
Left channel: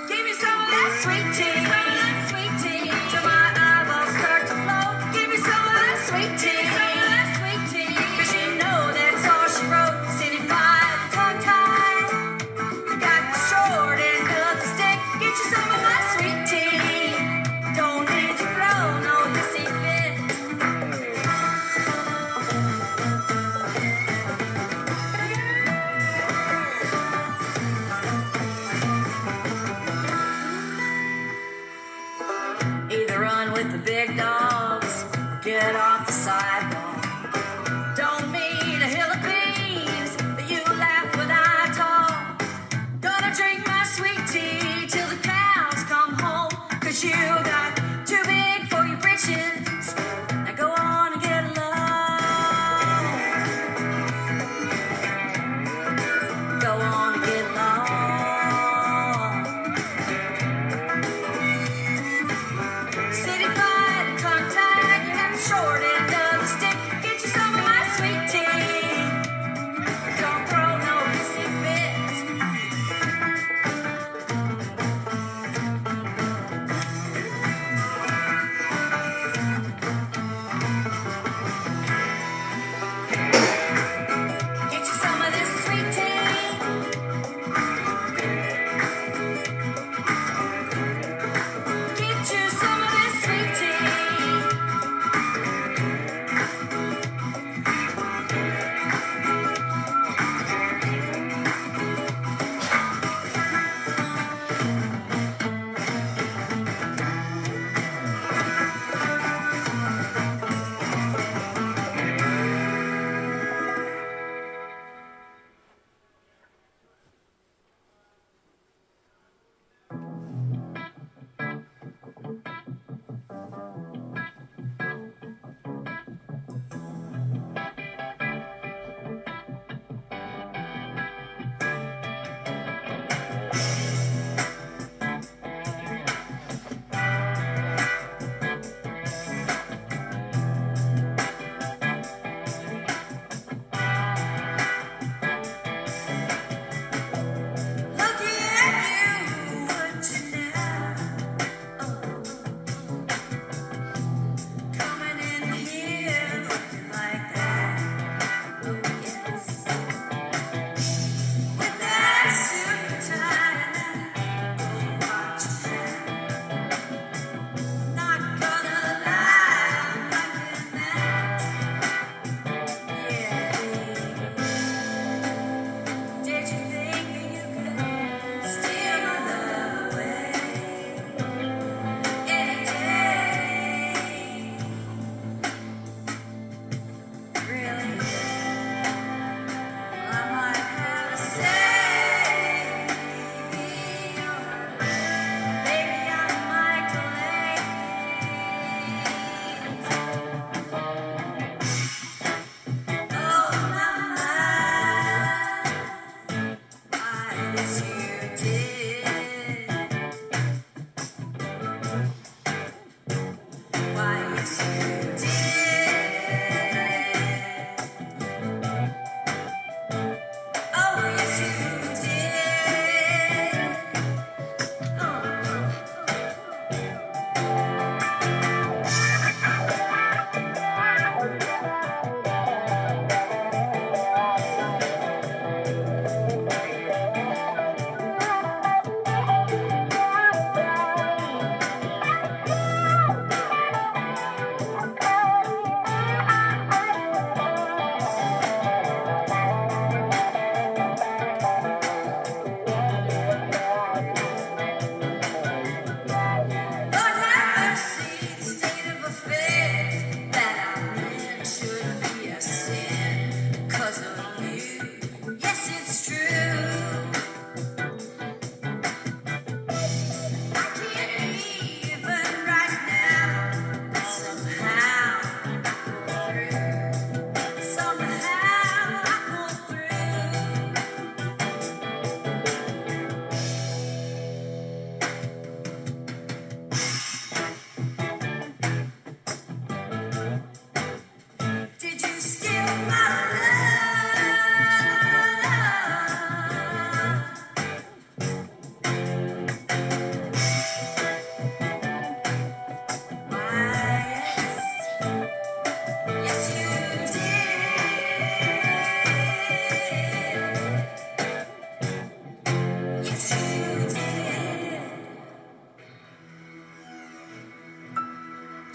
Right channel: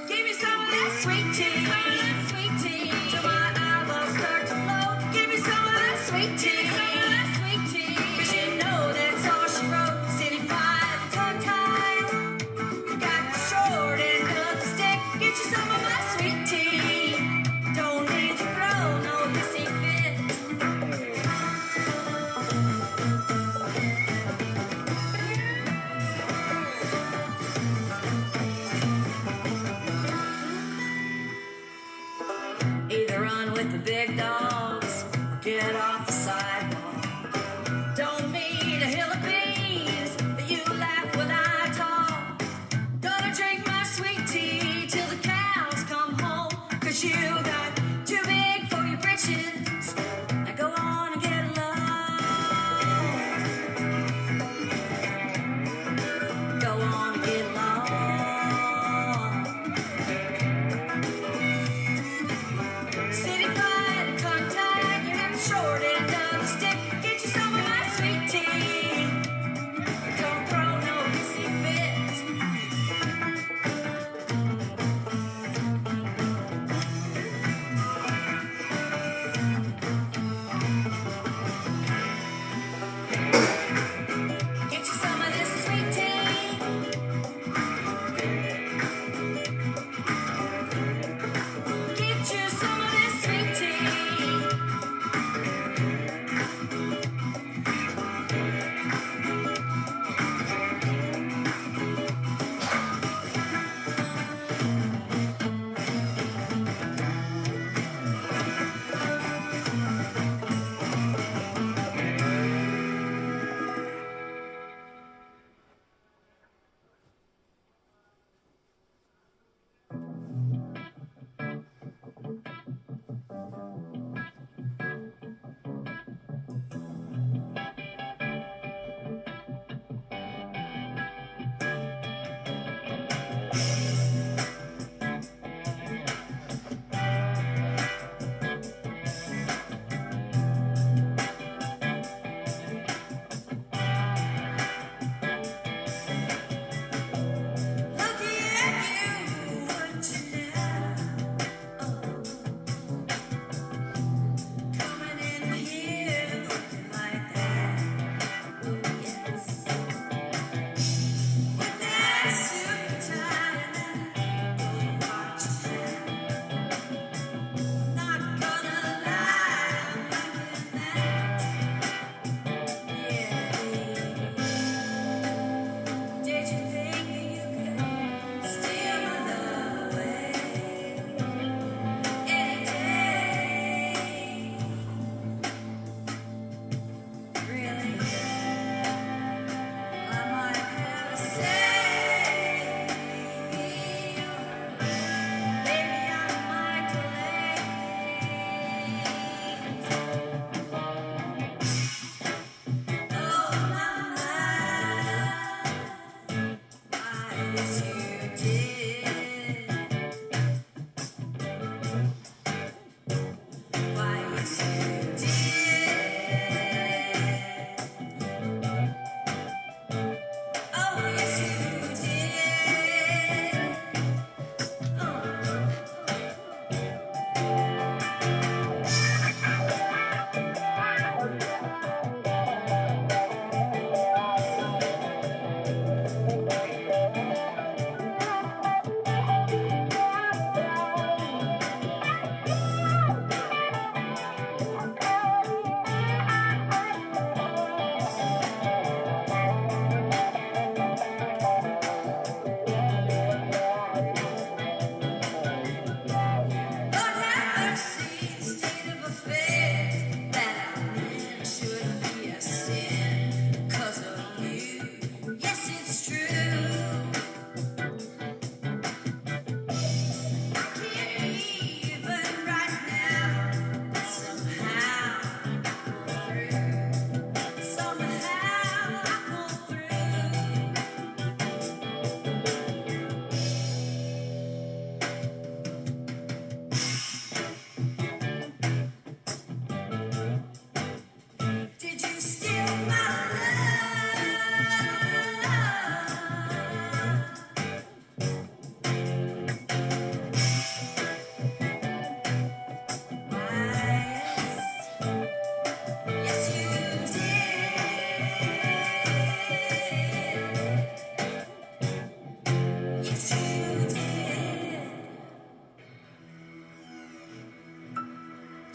Give me some of that sweet tea, sweet tea, till my eyeballs start to flow. Give me some of that sweet tea, sweet tea. But you know that's all she wrote. City five, tongue tied. Got the short end of the stick. Get you some of my sweet tea. Don't need to throw, no, you see fit. Either run with the big dogs, or get off the sidewalk. Don't mean a hill of beans, but you laugh when I talk. Gonna drink my sweet tea till the cows come home, 'cause you got too big for your britches. Now go on and get along. Go on and get along.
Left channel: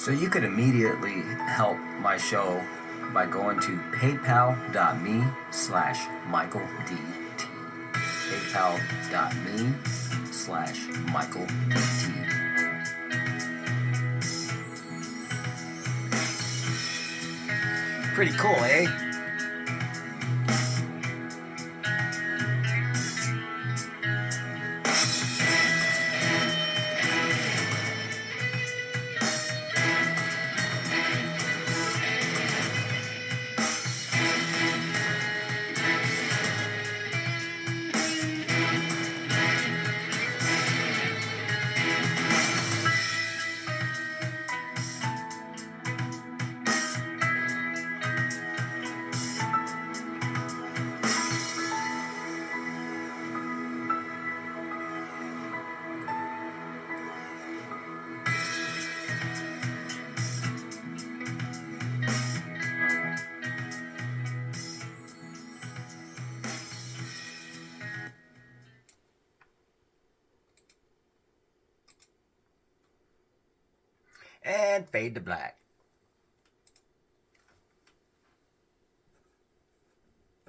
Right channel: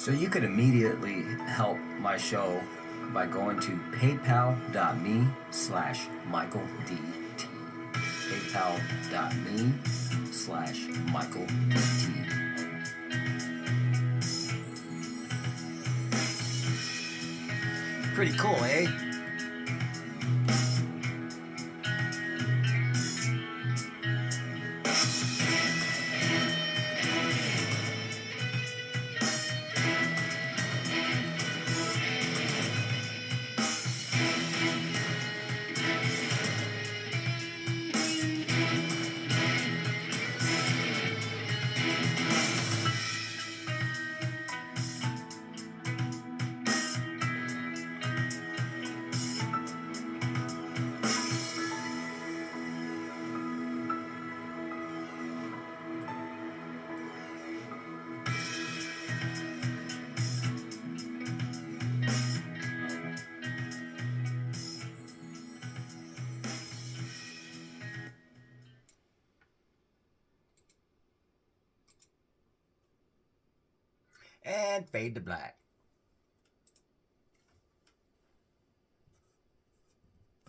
So you could immediately help my show by going to paypal.me/MichaelDT. paypal.me/MichaelDT. Pretty cool, eh? And fade to black.